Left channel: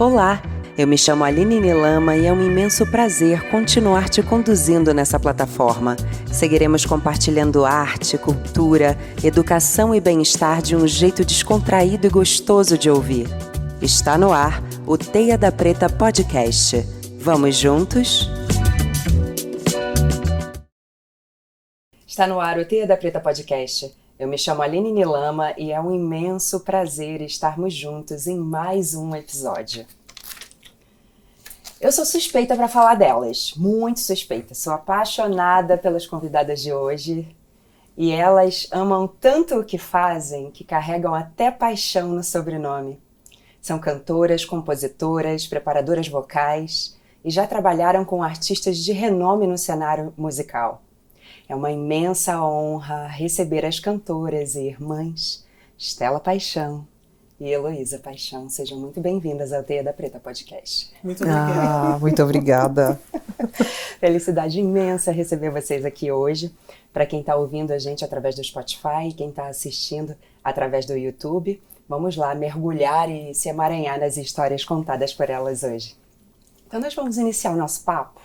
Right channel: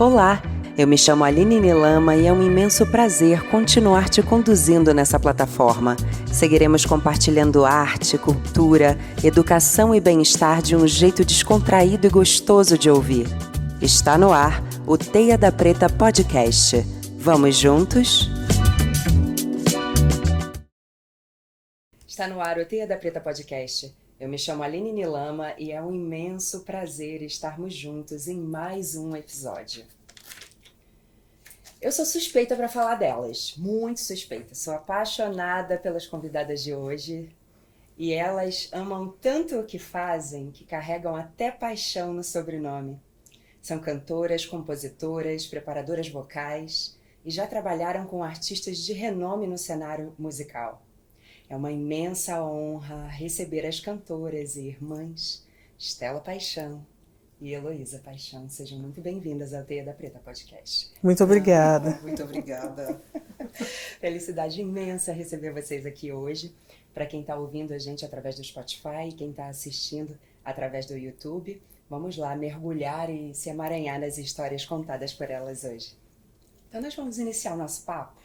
Olá, eu me chamo Aline Nilama e é um imenso prazer continuar te conduzindo nessa plataforma. Seguiremos compartilhando arte, cultura, educação e bem-estar de um jeito descontraído e gostoso de ouvir. Está no ar o Teia da Preta Podcast. Vamos juntos? Está no ar o Teia da Preta Podcast. Eu me chamo Aline Nilama e é um imenso prazer estarmos juntos em mais um episódio. Eu sou suspeita para falar delas, muito suspeita. Sou apaixonada pelas convidadas de hoje e elas amam tanto o que fazem que carregam até paixão no sobrenome. São cantoras, compositoras, preparadoras vocais e já trabalharam com artistas de renome no cenário musical. É uma imensa honra receber as cantoras e irmãs Stella Paixão e Heloísa Paixão. Sejam muito bem-vindas ao Teia da Preta Podcast. Muito obrigada. Muito obrigada. Felicidade imensa receber vocês aqui hoje. Para quem está ouvindo a gente através do Spotify e quem está assistindo através do YouTube, vamos lá mergulhar e se emaranhar nas histórias contadas por elas hoje. Então nós vamos iniciar o nosso papo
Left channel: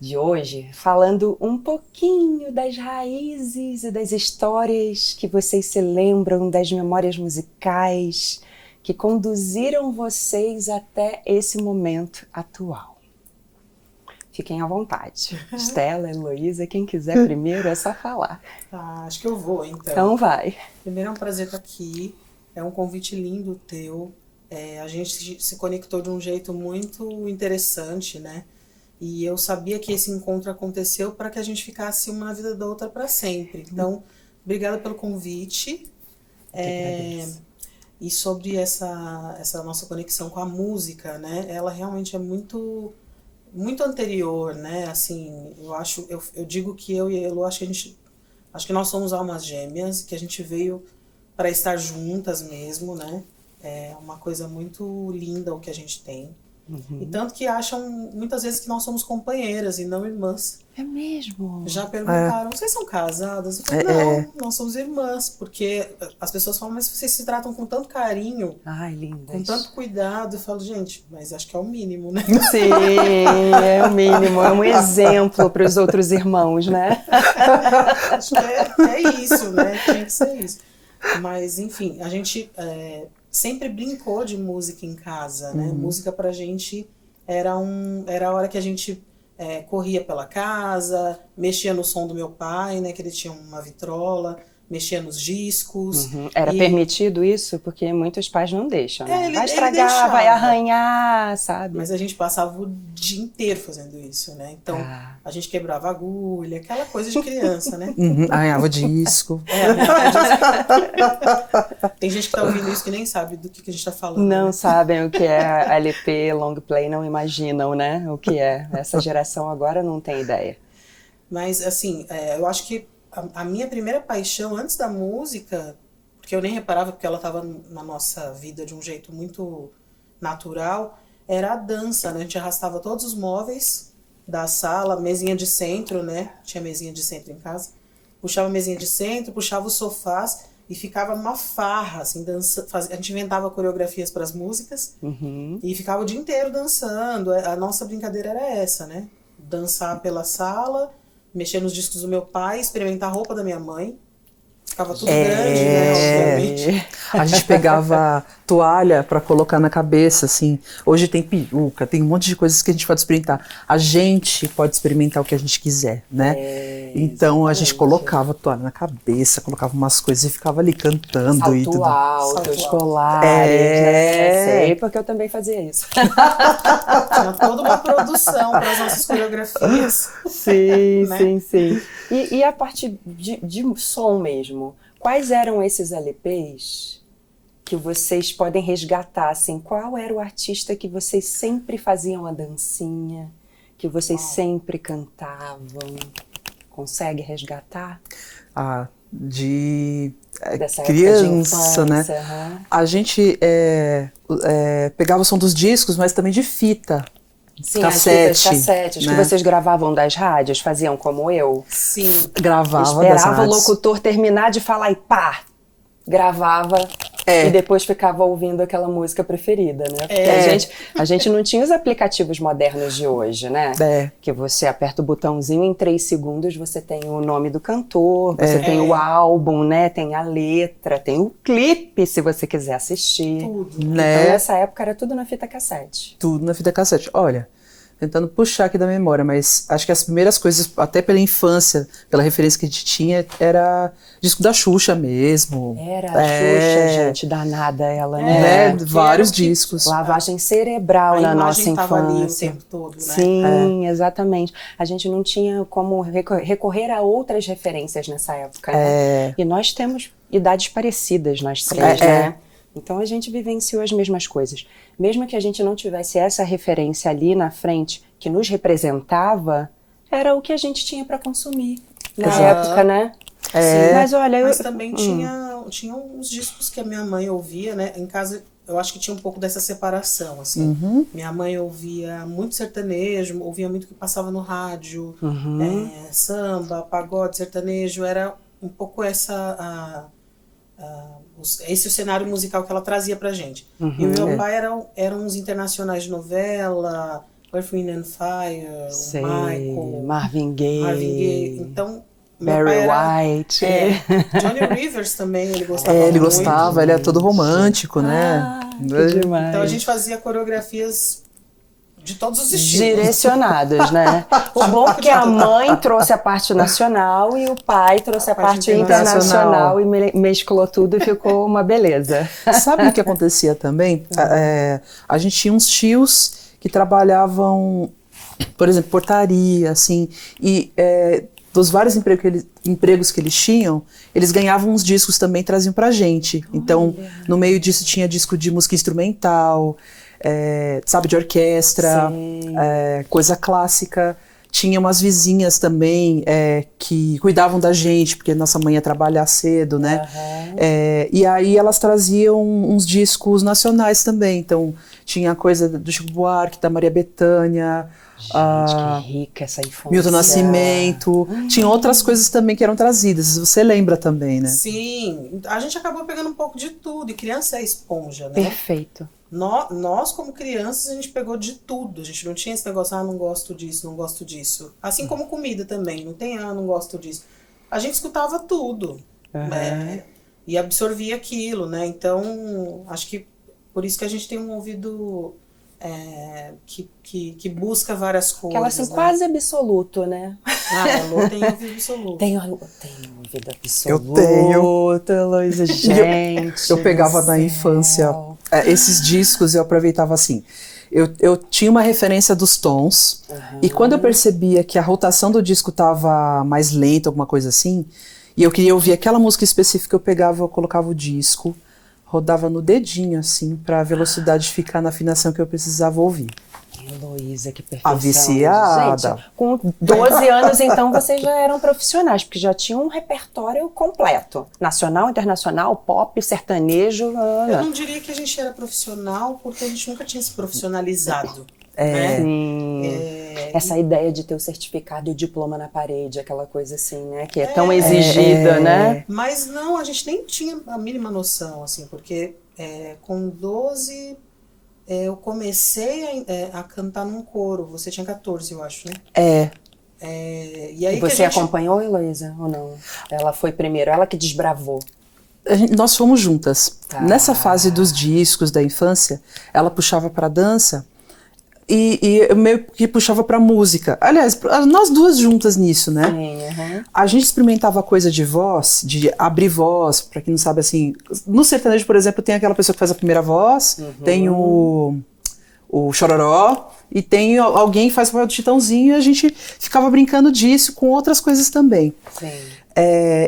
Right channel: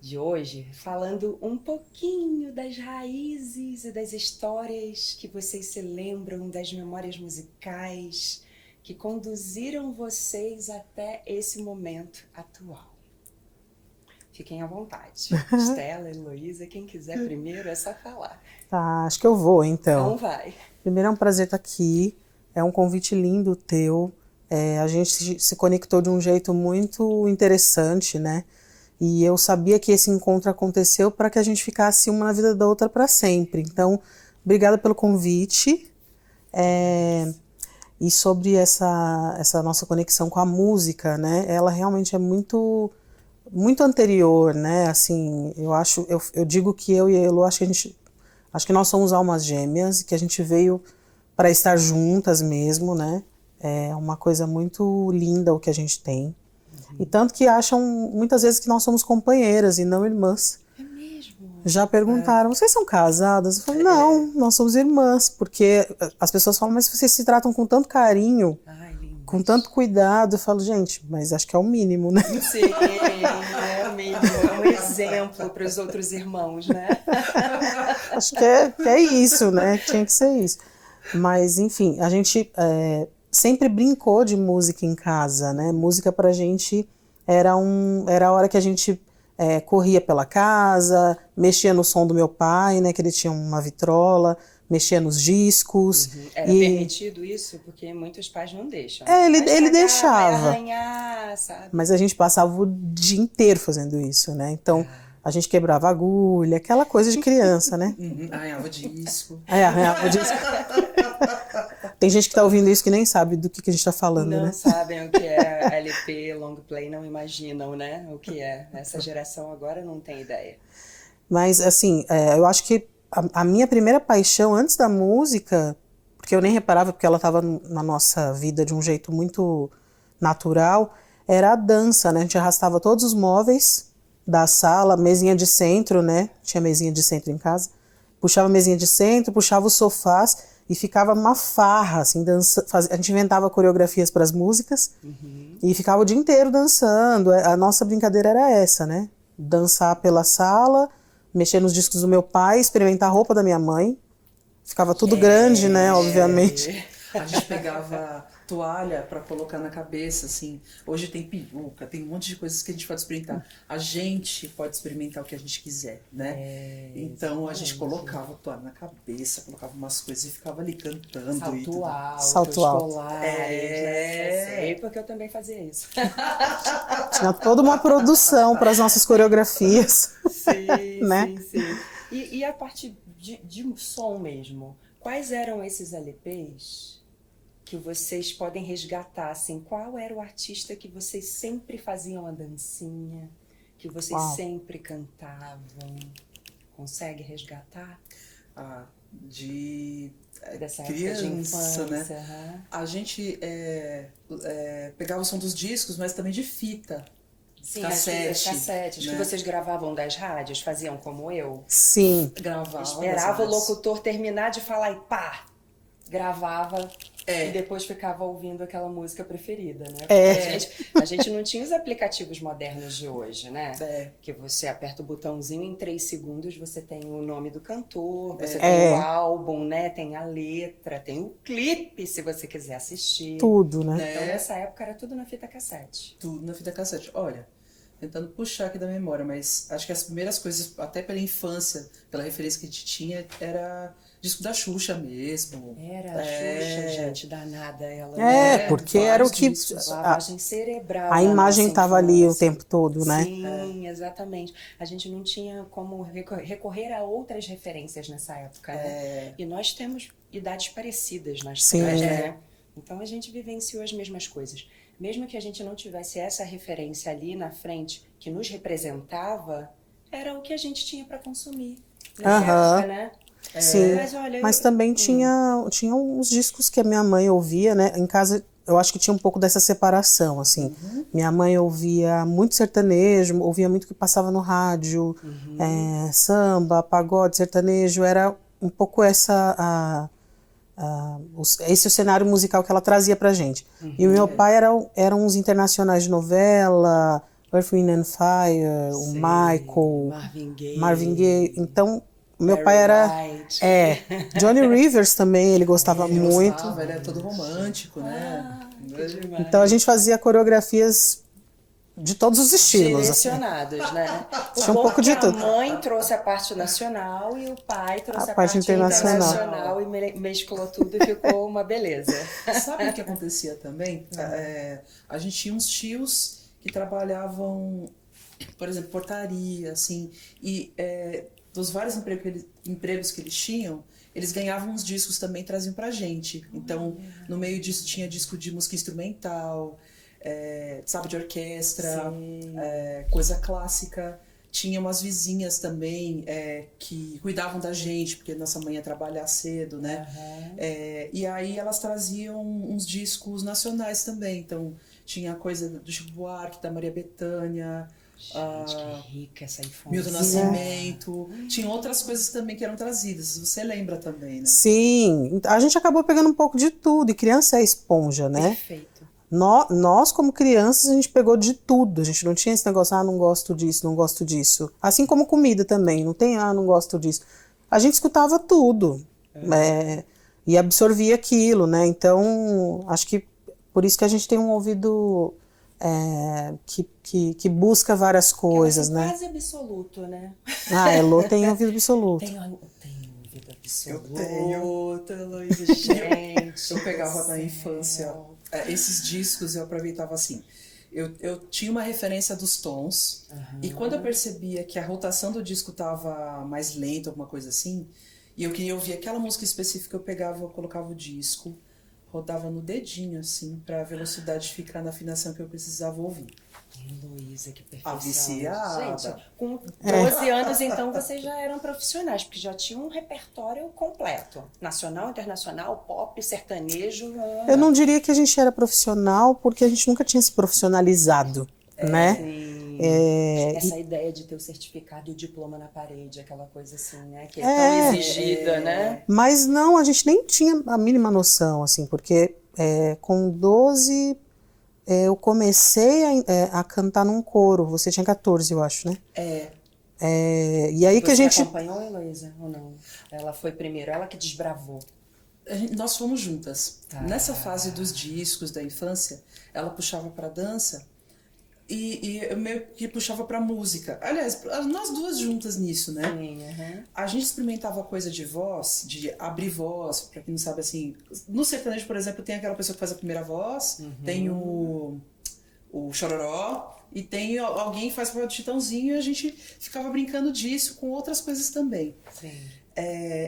de hoje falando um pouquinho das raízes e das histórias que vocês se lembram, das memórias musicais que conduziram vocês até esse momento atual. Fiquem à vontade. Stella, Heloísa, quem quiser primeiro é só falar. Tá, acho que eu vou então. Então vai. Primeiro é um prazer estar aqui, é um convite lindo teu, a gente se conectou de um jeito muito interessante, né? E eu sabia que esse encontro aconteceu para que a gente ficasse uma na vida da outra para sempre. Então, obrigada pelo convite. E sobre essa nossa conexão com a música, né? Ela realmente é muito, muito anterior, né? Assim, eu digo que eu e a Elo, acho que nós somos almas gêmeas, que a gente veio para estar juntas mesmo, né? É uma coisa muito linda o que a gente tem. Uhum. E tanto que acham muitas vezes que nós somos companheiras e não irmãs. É mesmo? Já perguntaram, vocês são casadas? Eu falo, não, nós somos irmãs. Porque as pessoas falam, mas vocês se tratam com tanto carinho, com tanto cuidado. Eu falo, gente, mas acho que é o mínimo, né? Sim, é o mínimo. É um exemplo para os outros irmãos, né? Acho que é isso, né? Tinha que ser isso. Mas, enfim, a gente sempre brincou de música em casa, né? Música pra gente era a hora que a gente corria pela casa, mexia no som do meu pai, né? Que ele tinha uma vitrola, mexia nos discos. Uhum. Era permitido isso? Porque muitos pais não deixam. Né? Ele deixava. Vai arranhar, sabe? Mas a gente passava o dia inteiro fazendo isso, né? Então, a gente quebrava agulha, aquela coisa de criança, né? Arranhava disco. Arranhava disco. Tem gente que tá ouvindo isso que nem sabe do que a gente tá falando, Não né? sabem o que é LP, long play, não imaginam, né? O que é. Essa geração agora não tem ideia. Mas, assim, eu acho que a minha primeira paixão antes da música, porque eu nem reparava porque ela estava na nossa vida de um jeito muito natural, era a dança, né? A gente arrastava todos os móveis da sala, mesinha de centro, né? Tinha mesinha de centro em casa. Puxava a mesinha de centro, puxava os sofás e ficava uma farra, assim, a gente inventava coreografias para as músicas e ficava o dia inteiro dançando. A nossa brincadeira era essa, né? Dançar pela sala, mexer nos discos do meu pai, experimentar a roupa da minha mãe. Ficava tudo grande, né, obviamente. A gente pegava toalha para colocar na cabeça, assim. Hoje tem peruca, tem um monte de coisas que a gente pode experimentar. A gente pode experimentar o que a gente quiser, né? Então a gente colocava toalha na cabeça, colocava umas coisas e ficava ali cantando. Salto e tudo. alto, colares, né? Sei, porque eu também fazia isso. Tinha toda uma produção para as nossas coreografias. Sim, né? sim. E a parte de som mesmo, quais eram esses LPs que vocês podem resgatar? Assim, qual era o artista que vocês sempre faziam a dancinha, que vocês sempre cantavam? Consegue resgatar? Dessa criança, infância, né? A gente pegava o som dos discos, mas também de fita. Sim, cassete, as cassetes, né? Que vocês gravavam das rádios, faziam como eu? Sim, gravava das Esperava o rádios. locutor terminar de falar e pá! Gravava e depois ficava ouvindo aquela música preferida, né? Porque a gente não tinha os aplicativos modernos de hoje, né? Que você aperta o botãozinho, em 3 segundos você tem o nome do cantor, você tem o álbum, né? Tem a letra, tem o clipe, se você quiser assistir. Tudo, né? Então, nessa época era tudo na fita cassete. Tudo na fita cassete. Olha, tentando puxar aqui da memória, mas acho que as primeiras coisas, até pela infância, pela referência que a gente tinha, era disco da Xuxa mesmo. Era a Xuxa, gente, danada ela, né? Vários que, discos. Lavagem cerebral a na imagem nossa estava infância. ali o tempo todo, né? Sim, exatamente. A gente não tinha como recorrer a outras referências nessa época, né? E nós temos idades parecidas, nós três, né? Então a gente vivenciou as mesmas coisas. Mesmo que a gente não tivesse essa referência ali na frente que nos representava, era o que a gente tinha para consumir na época, né? Sim, mas olha, mas também tinha uns discos que a minha mãe ouvia, né? Em casa eu acho que tinha um pouco dessa separação, assim. Minha mãe ouvia muito sertanejo, ouvia muito o que passava no rádio, samba, pagode, sertanejo, era um pouco esse é o cenário musical que ela trazia pra gente. E o meu pai eram uns internacionais de novela, Earth, Wind and Fire, o Michael, Marvin Gaye. Então, Barry meu pai era White. Johnny Rivers também, ele gostava muito. Ele gostava, ele era todo romântico, né? Que demais. Então a gente fazia coreografias de todos os estilos. Direcionadas, né? O bom é que a mãe trouxe a parte nacional e o pai trouxe a parte internacional e mesclou tudo e ficou uma beleza. Sabe o que acontecia também? A gente tinha uns tios que trabalhavam, por exemplo, portaria, assim, e dos vários empregos que eles tinham, eles ganhavam uns discos também e traziam pra gente. Então, no meio disso tinha disco de música instrumental, sabe, de orquestra, coisa clássica. Tinha umas vizinhas também que cuidavam da gente, porque nossa mãe ia trabalhar cedo, né? E aí elas traziam uns discos nacionais também. Então, tinha coisa do Chico Buarque, da Maria Bethânia. Gente, que rica essa infância. Milton Nascimento. Tinha outras coisas também que eram trazidas. Você lembra também, né? Sim. A gente acabou pegando um pouco de tudo. E criança é esponja, né? Perfeito. Nós, como crianças, a gente pegou de tudo. A gente não tinha esse negócio, não gosto disso, não gosto disso. Assim como comida também. Não tem, não gosto disso. A gente escutava tudo. E absorvia aquilo, né? Então, acho que por isso que a gente tem um ouvido que busca várias coisas, né? Quase absoluto, né? Elô tem ouvido absoluto. Tem ouvido absoluto. Eu tenho. Luísa, gente. Eu pegava na infância esses discos e eu aproveitava assim. Eu tinha uma referência dos tons e quando eu percebia que a rotação do disco estava mais lenta, alguma coisa assim, e eu queria ouvir aquela música específica, eu colocava o disco, rodava no dedinho, assim, para a velocidade ficar na afinação que eu precisava ouvir. Heloísa, que perfeição. A viciada. Gente, com 12 anos, então, vocês já eram profissionais, porque já tinham um repertório completo. Nacional, internacional, pop, sertanejo. Eu não diria que a gente era profissional, porque a gente nunca tinha se profissionalizado. Né? Essa ideia de ter o certificado e o diploma na parede, aquela coisa assim, né? Que é tão exigida, né? Mas não, a gente nem tinha a mínima noção, assim, porque com 12 eu comecei a cantar num coro. Você tinha 14, eu acho, né? E aí Você acompanhou, Heloísa, ou não? Ela foi primeiro, ela que desbravou. Nós fomos juntas. Nessa fase dos discos da infância, ela puxava pra dança e eu meio que puxava pra música. Aliás, nós duas juntas nisso, né? Sim, A gente experimentava coisa de voz, de abrir voz, pra quem não sabe, assim... No sertanejo, por exemplo, tem aquela pessoa que faz a primeira voz, tem o chororó, e tem alguém que faz o papel do Chitãozinho, e a gente ficava brincando disso com outras coisas também. Sim.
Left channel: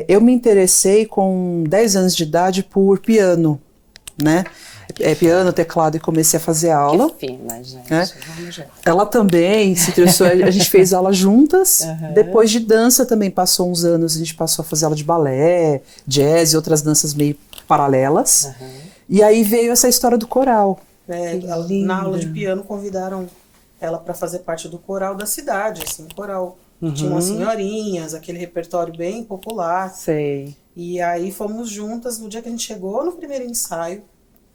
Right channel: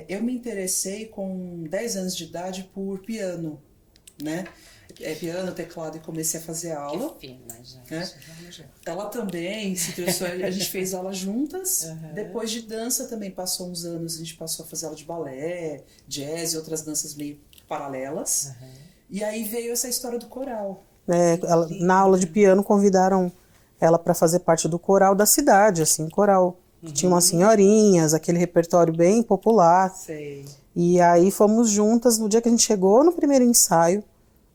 Eu me interessei com 10 anos de idade por piano, né? Piano, teclado, e comecei a fazer aula. Que fina, gente. Vamos já. Ela também se interessou, a gente fez aula juntas. Depois de dança também passou uns anos, a gente passou a fazer aula de balé, jazz e outras danças meio paralelas. E aí veio essa história do coral. Na aula de piano convidaram ela para fazer parte do coral da cidade, assim, coral. Tinha umas senhorinhas, aquele repertório bem popular. Sei. E aí fomos juntas, no dia que a gente chegou no primeiro ensaio,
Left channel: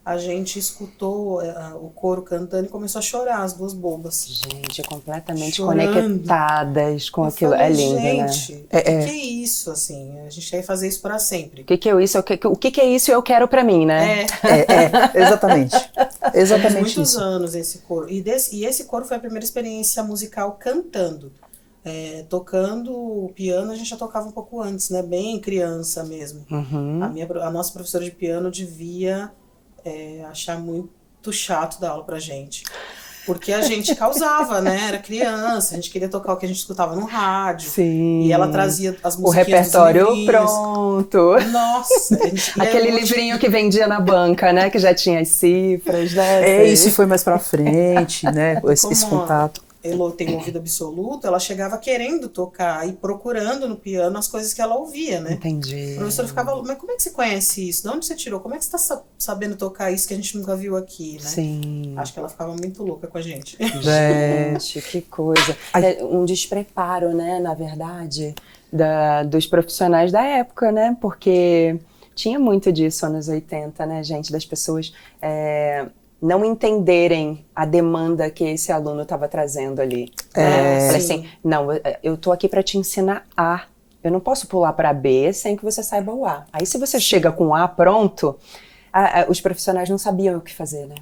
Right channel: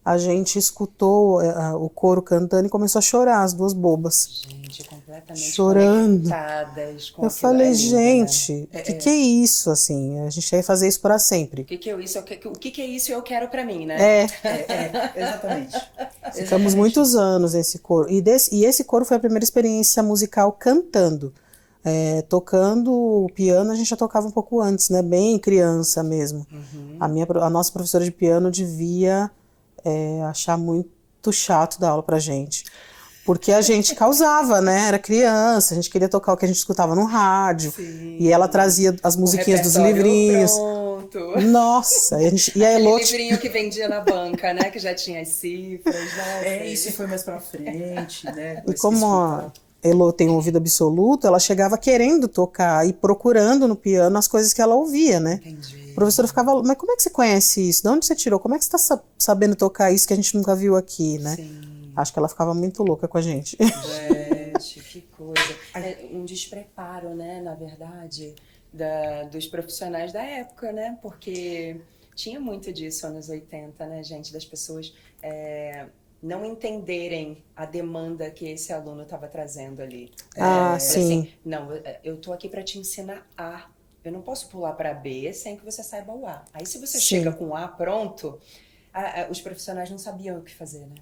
a gente escutou o coro cantando e começou a chorar, as duas bobas. Gente, completamente Chorando. Conectadas com Eu aquilo. falei, É lindo, né? gente, o que é isso, assim? A gente quer fazer isso para sempre. O que é isso? O que é isso eu quero pra mim, né? Exatamente. Faz Exatamente muitos isso. anos esse coro. E esse coro foi a primeira experiência musical cantando. Tocando o piano, a gente já tocava um pouco antes, né? Bem criança mesmo. A nossa professora de piano devia achar muito chato dar aula pra gente. Porque a gente causava, né? Era criança, a gente queria tocar o que a gente escutava no rádio. Sim. E ela trazia as O musiquinhas dos repertório livrinhos. pronto. Nossa! Aquele livrinho que vendia na banca, né? Que já tinha as cifras, né? Isso foi mais pra frente, né? Esse contato. Elô tem um ouvido absoluto, ela chegava querendo tocar e procurando no piano as coisas que ela ouvia, né? Entendi. A professora ficava, mas como é que você conhece isso? De onde você tirou? Como é que você está sabendo tocar isso que a gente nunca viu aqui, né? Sim. Acho que ela ficava muito louca com a gente. Gente, que coisa. É um despreparo, né, na verdade, dos profissionais da época, né? Porque tinha muito disso anos 80, né, gente? Das pessoas não entenderem a demanda que esse aluno estava trazendo ali. Falei assim, não, eu tô aqui para te ensinar A. Eu não posso pular para B sem que você saiba o A. Aí se você chega com o A pronto, os profissionais não sabiam o que fazer, né?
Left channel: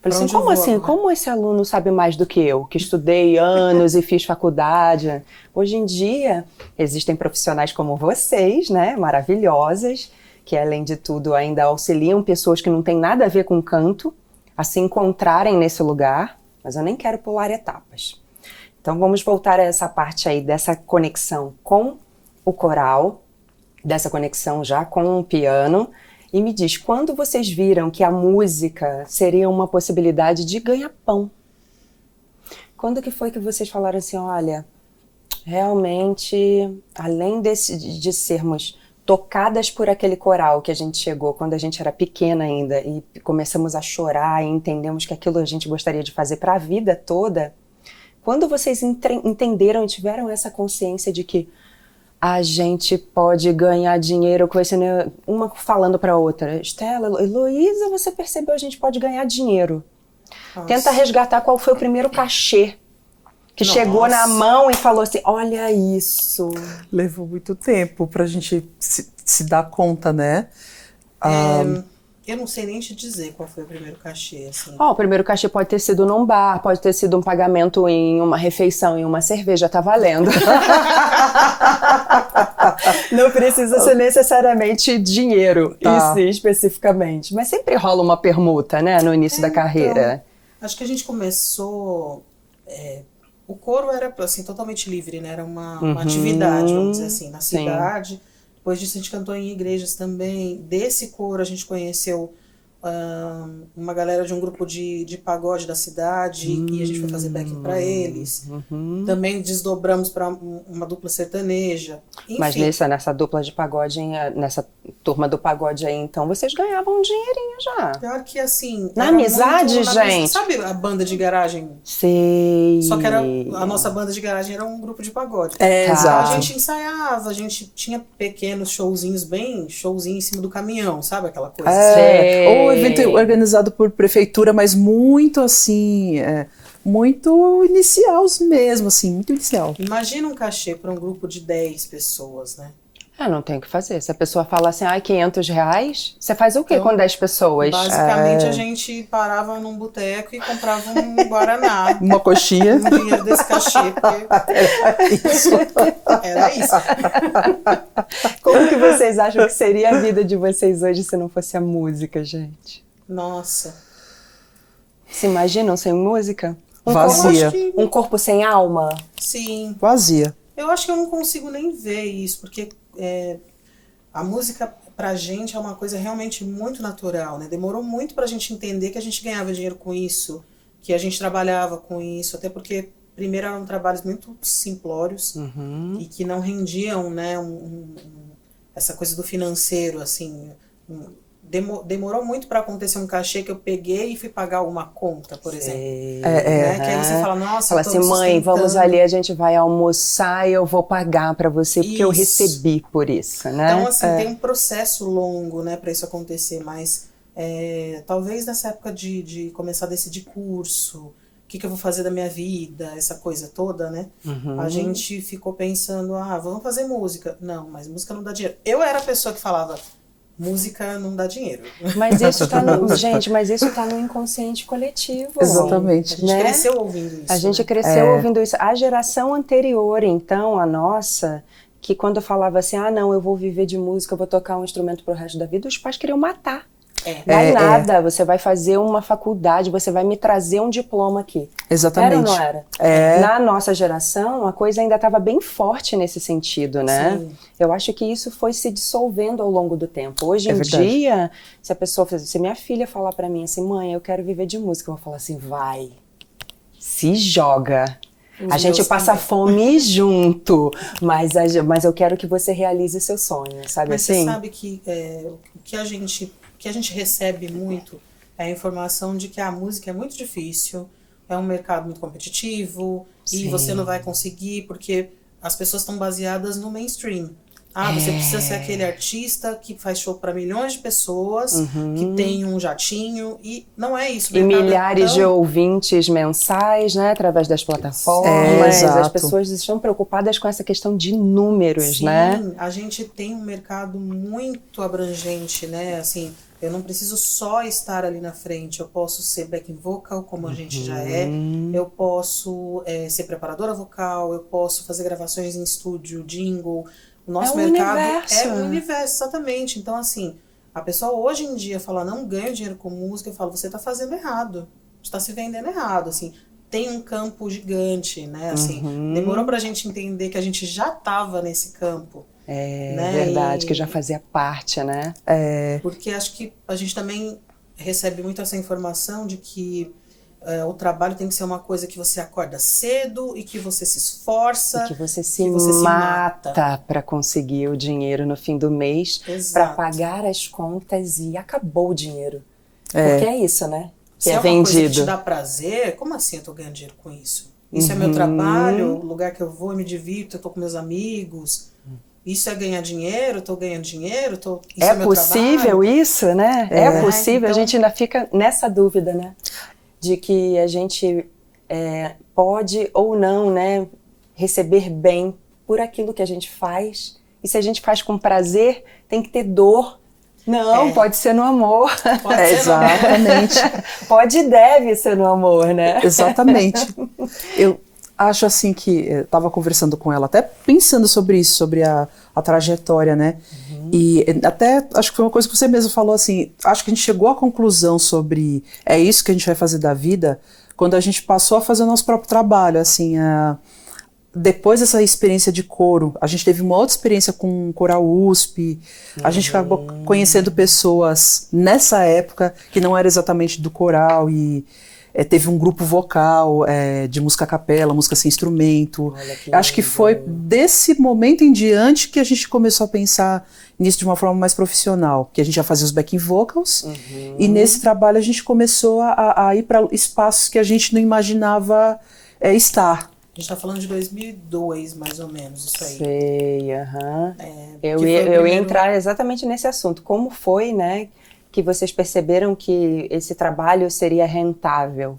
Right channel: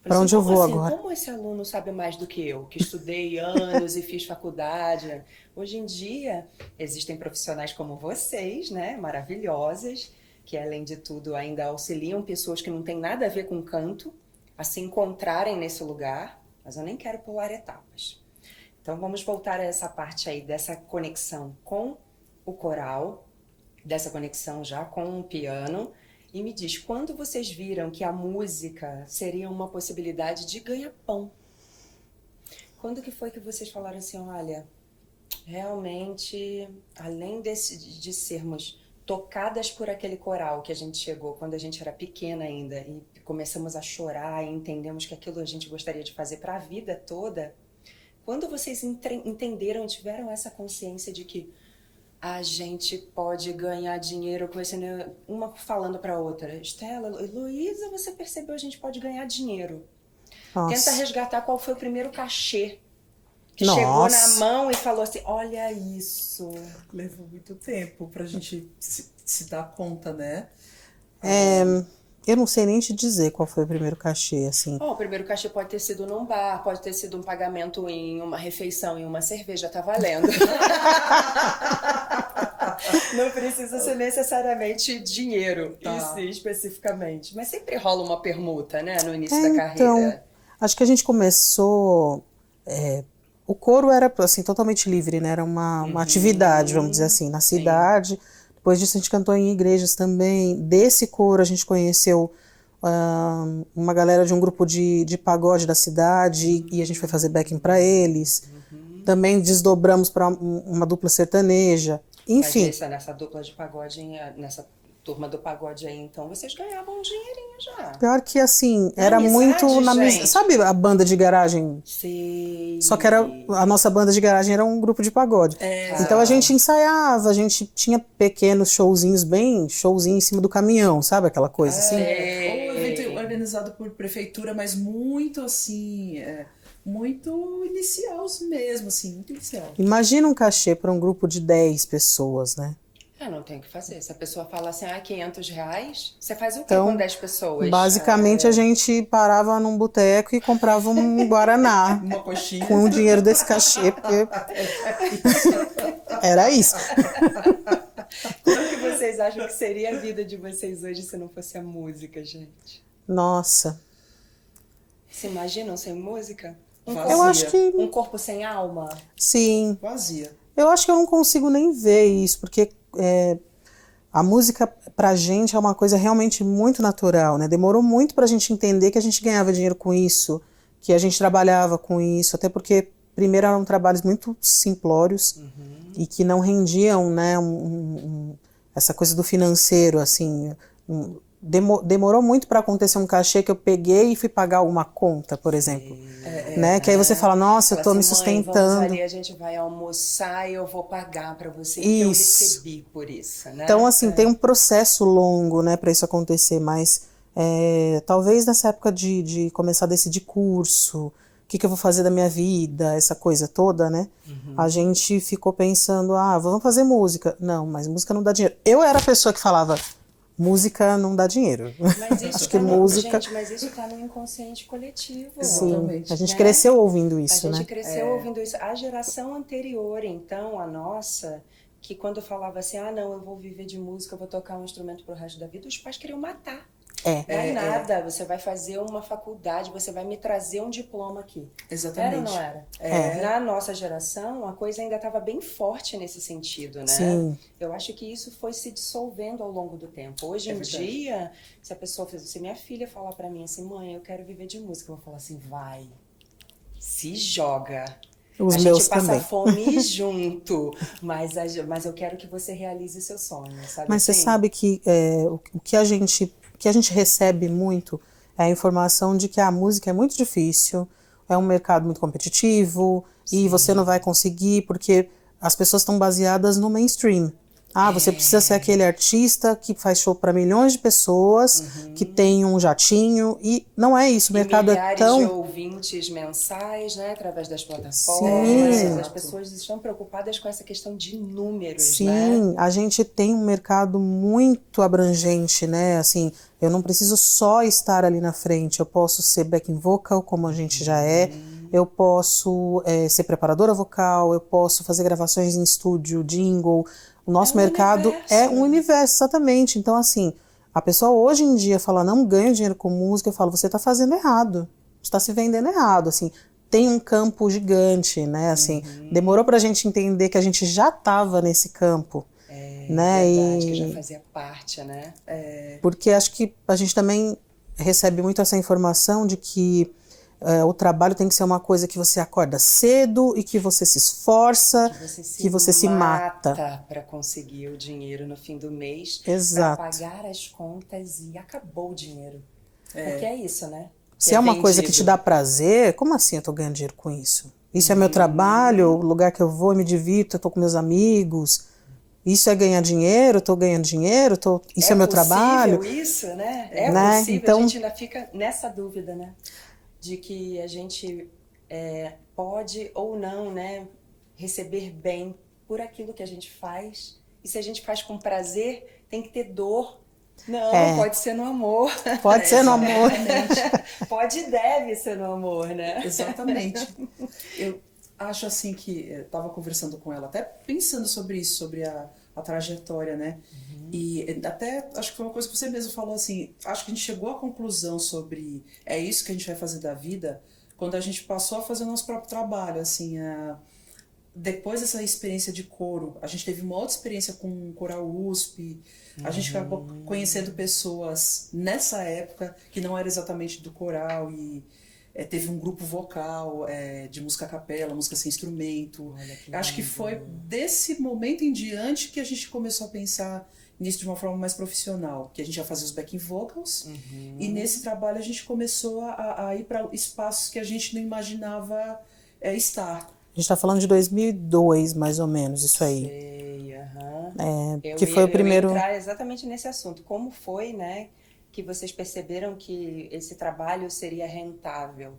Falei assim, como esse aluno sabe mais do que eu, que estudei anos e fiz faculdade? Hoje em dia, existem profissionais como vocês, né, maravilhosas, que além de tudo ainda auxiliam pessoas que não têm nada a ver com canto, a se encontrarem nesse lugar, mas eu nem quero pular etapas. Então vamos voltar a essa parte aí dessa conexão com o coral, dessa conexão já com o piano, e me diz, quando vocês viram que a música seria uma possibilidade de ganha-pão? Quando que foi que vocês falaram assim, olha, realmente, além de sermos tocadas por aquele coral que a gente chegou quando a gente era pequena ainda e começamos a chorar e entendemos que aquilo a gente gostaria de fazer para a vida toda, quando vocês entenderam e tiveram essa consciência de que a gente pode ganhar dinheiro com esse, né? Uma falando para outra, Estela, Heloísa, você percebeu, a gente pode ganhar dinheiro. Nossa. Tenta resgatar qual foi o primeiro cachê que chegou na mão e falou assim, olha isso. Levou muito tempo pra gente se dar conta, né? Eu não sei nem te dizer qual foi o primeiro cachê, assim. O primeiro cachê pode ter sido num bar, pode ter sido um pagamento em uma refeição, em uma cerveja, tá valendo. Não precisa ser necessariamente dinheiro, isso especificamente. Mas sempre rola uma permuta, né, no início da carreira. Acho que a gente começou... o coro era assim, totalmente livre, né? Era uma atividade, vamos dizer assim, na cidade. Depois disso a gente cantou em igrejas também. Desse coro a gente conheceu uma galera de um grupo de pagode da cidade e a gente foi fazer backing para eles. Também desdobramos para uma dupla sertaneja. Enfim. Mas nessa dupla de pagode, nessa turma do pagode aí, então, vocês ganhavam um dinheirinho já. Pior que assim, na era amizade, muito gente. Sabe a banda de garagem? Sei. Só que a nossa banda de garagem era um grupo de pagode. Então a gente ensaiava, a gente tinha pequenos showzinhos, showzinho em cima do caminhão, sabe aquela coisa? Ou evento organizado por prefeitura, mas muito assim, muito inicial mesmo, assim, muito inicial. Imagina um cachê para um grupo de 10 pessoas, né? Não tem o que fazer. Se a pessoa fala assim, R$500, você faz o quê com 10 pessoas? Basicamente, a gente parava num boteco e comprava um guaraná. Uma coxinha. Com o dinheiro desse cachê, porque era isso. Como que vocês acham que seria a vida de vocês hoje se não fosse a música, gente? Nossa. Se imaginam sem música? Vazia. Um corpo sem alma? Sim. Vazia. Eu acho que eu não consigo nem ver isso, porque a música pra gente é uma coisa realmente muito natural, né? Demorou muito pra gente entender que a gente ganhava dinheiro com isso, que a gente trabalhava com isso, até porque primeiro eram trabalhos muito simplórios e que não rendiam, né, essa coisa do financeiro, assim. demorou muito para acontecer um cachê que eu peguei e fui pagar uma conta, por exemplo. Né? Que aí você fala, nossa, eu tô assim, me mãe, sustentando. vamos ali, a gente vai almoçar e eu vou pagar para você, porque eu recebi por isso, né? Então, assim, tem um processo longo, né, para isso acontecer, mas talvez nessa época de começar a decidir curso, o que eu vou fazer da minha vida, essa coisa toda, né? A gente ficou pensando, vamos fazer música. Não, mas música não dá dinheiro. Eu era a pessoa que falava, música não dá dinheiro. Mas isso tá no, gente, mas isso tá no inconsciente coletivo. Exatamente. A gente cresceu ouvindo isso, A gente né? cresceu ouvindo isso. A geração anterior, então, a nossa, que quando eu falava assim, não, eu vou viver de música, eu vou tocar um instrumento pro resto da vida, os pais queriam matar. Vai nada, você vai fazer uma faculdade, você vai me trazer um diploma aqui. Exatamente. Era ou não era? Na nossa geração, a coisa ainda estava bem forte nesse sentido, né? Sim. Eu acho que isso foi se dissolvendo ao longo do tempo. Hoje em verdade. dia, se a pessoa, se minha filha falar para mim assim, mãe, eu quero viver de música, eu vou falar assim, vai, se joga. A gente passa fome junto, mas eu quero que você realize seu sonho, sabe? Mas assim? você sabe que o que a gente recebe muito é a informação de que a música é muito difícil, é um mercado muito competitivo, e você não vai conseguir porque as pessoas estão baseadas no mainstream. Você precisa ser aquele artista que faz show para milhões de pessoas, que tem um jatinho, e não é isso. O E mercado milhares de ouvintes mensais, né, através das plataformas. As pessoas estão preocupadas com essa questão de números, né? Sim, a gente tem um mercado muito abrangente, né? Assim, eu não preciso só estar ali na frente, eu posso ser backing vocal, como a gente já é, eu posso ser preparadora vocal, eu posso fazer gravações em estúdio, jingle. O nosso mercado é um universo, exatamente. Então, assim, a pessoa hoje em dia fala, não ganho dinheiro com música, eu falo, você está fazendo errado, você está se vendendo errado, assim. Tem um campo gigante, né, assim. Demorou pra gente entender que a gente já estava nesse campo. Né? Verdade, que já fazia parte, né? Porque acho que a gente também recebe muito essa informação de que o trabalho tem que ser uma coisa que você acorda cedo e que você se esforça, que você se mata para conseguir o dinheiro no fim do mês, para pagar as contas e acabou o dinheiro. Porque é isso, né? Se é uma coisa que te dá prazer, como assim eu tô ganhando dinheiro com isso? Isso é meu trabalho, o lugar que eu vou, eu me divirto, eu tô com meus amigos. Isso é ganhar dinheiro, eu tô ganhando dinheiro, isso é meu trabalho. É possível isso, né? É possível, então, a gente ainda fica nessa dúvida, né? De que a gente pode ou não, né, receber bem por aquilo que a gente faz. E se a gente faz com prazer, tem que ter dor. Não, pode ser no amor. Pode ser no amor. Exatamente. Pode e deve ser no amor, né? Exatamente. Eu acho assim que eu estava conversando com ela, até pensando sobre isso, sobre a trajetória, né? E até acho que foi uma coisa que você mesmo falou assim, acho que a gente chegou à conclusão sobre é isso que a gente vai fazer da vida quando a gente passou a fazer o nosso próprio trabalho, assim, depois dessa experiência de coro, a gente teve uma outra experiência com o Coral USP, a gente acabou conhecendo pessoas nessa época que não era exatamente do coral e teve um grupo vocal de música a capela, música sem instrumento. Acho que foi desse momento em diante que a gente começou a pensar nisso de uma forma mais profissional, que a gente já fazia os backing vocals, e nesse trabalho a gente começou a ir para espaços que a gente não imaginava estar. A gente está falando de 2002, mais ou menos, isso aí. Sei, Eu ia entrar exatamente nesse assunto. Como foi, né, que vocês perceberam que esse trabalho seria rentável?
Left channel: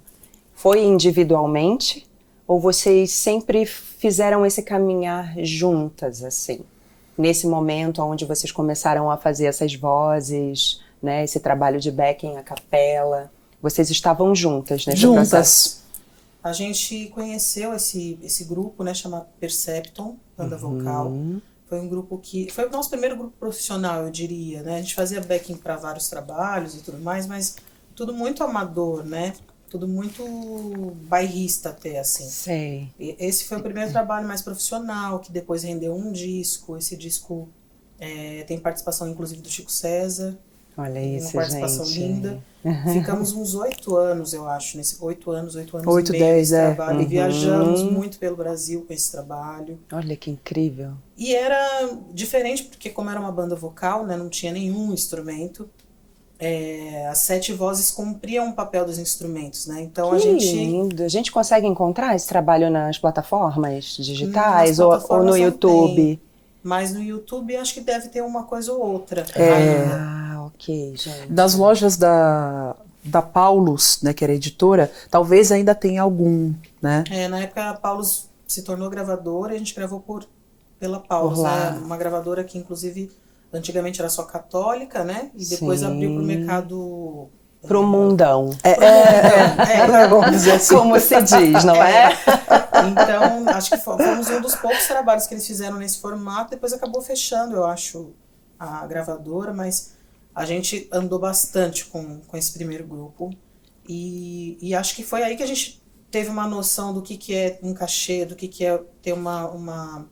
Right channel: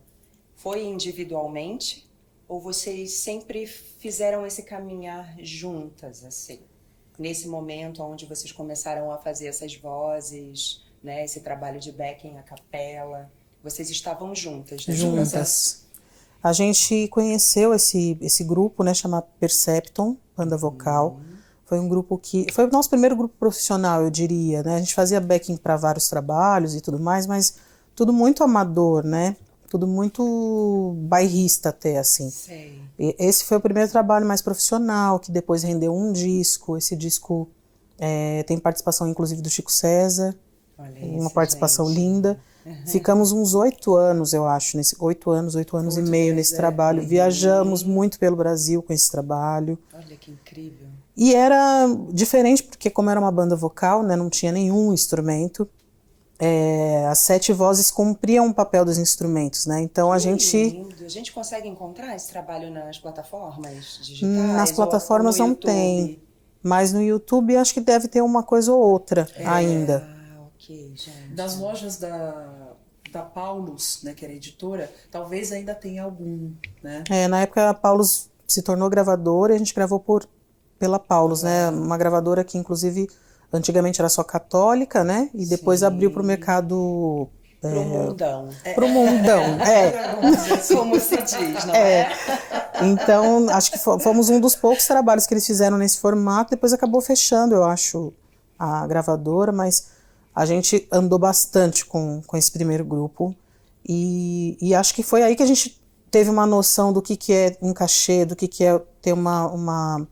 Foi individualmente ou vocês sempre fizeram esse caminhar juntas, assim? Nesse momento onde vocês começaram a fazer essas vozes, né, esse trabalho de backing a capela, vocês estavam juntas, né? Juntas. A gente conheceu esse grupo, né, chamado Percepton, banda vocal. Foi um grupo que... Foi o nosso primeiro grupo profissional, eu diria, né? A gente fazia backing para vários trabalhos e tudo mais, mas tudo muito amador, né? Tudo muito bairrista até, assim. Sei. Esse foi o primeiro trabalho mais profissional, que depois rendeu um disco. Esse disco tem participação, inclusive, do Chico César. Olha isso, uma participação gente. Linda. Ficamos uns 8 anos, eu acho, 8 anos e meio nesse 10, trabalho. E viajamos muito pelo Brasil com esse trabalho. Olha que incrível. E era diferente, porque como era uma banda vocal, né, não tinha nenhum instrumento. as 7 vozes cumpriam o papel dos instrumentos, né? Então a Que gente... lindo. A gente consegue encontrar esse trabalho nas plataformas digitais Nas plataformas ou no não YouTube? tem, mas no YouTube acho que deve ter uma coisa ou outra ainda. Ah, ok, gente. Das lojas da Paulus, né, que era editora, talvez ainda tenha algum, né? Na época a Paulus se tornou gravadora e a gente gravou pela Paulus, Por lá. né? Uma gravadora que inclusive antigamente era só católica, né? E depois Sim. abriu para o mercado... Pro mundão. vamos dizer assim. Como se diz, não é? Então, acho que fomos um dos poucos trabalhos que eles fizeram nesse formato. Depois acabou fechando, eu acho, a gravadora, mas a gente andou bastante com esse primeiro grupo. E acho que foi aí que a gente teve uma noção do que é um cachê, do que é ter uma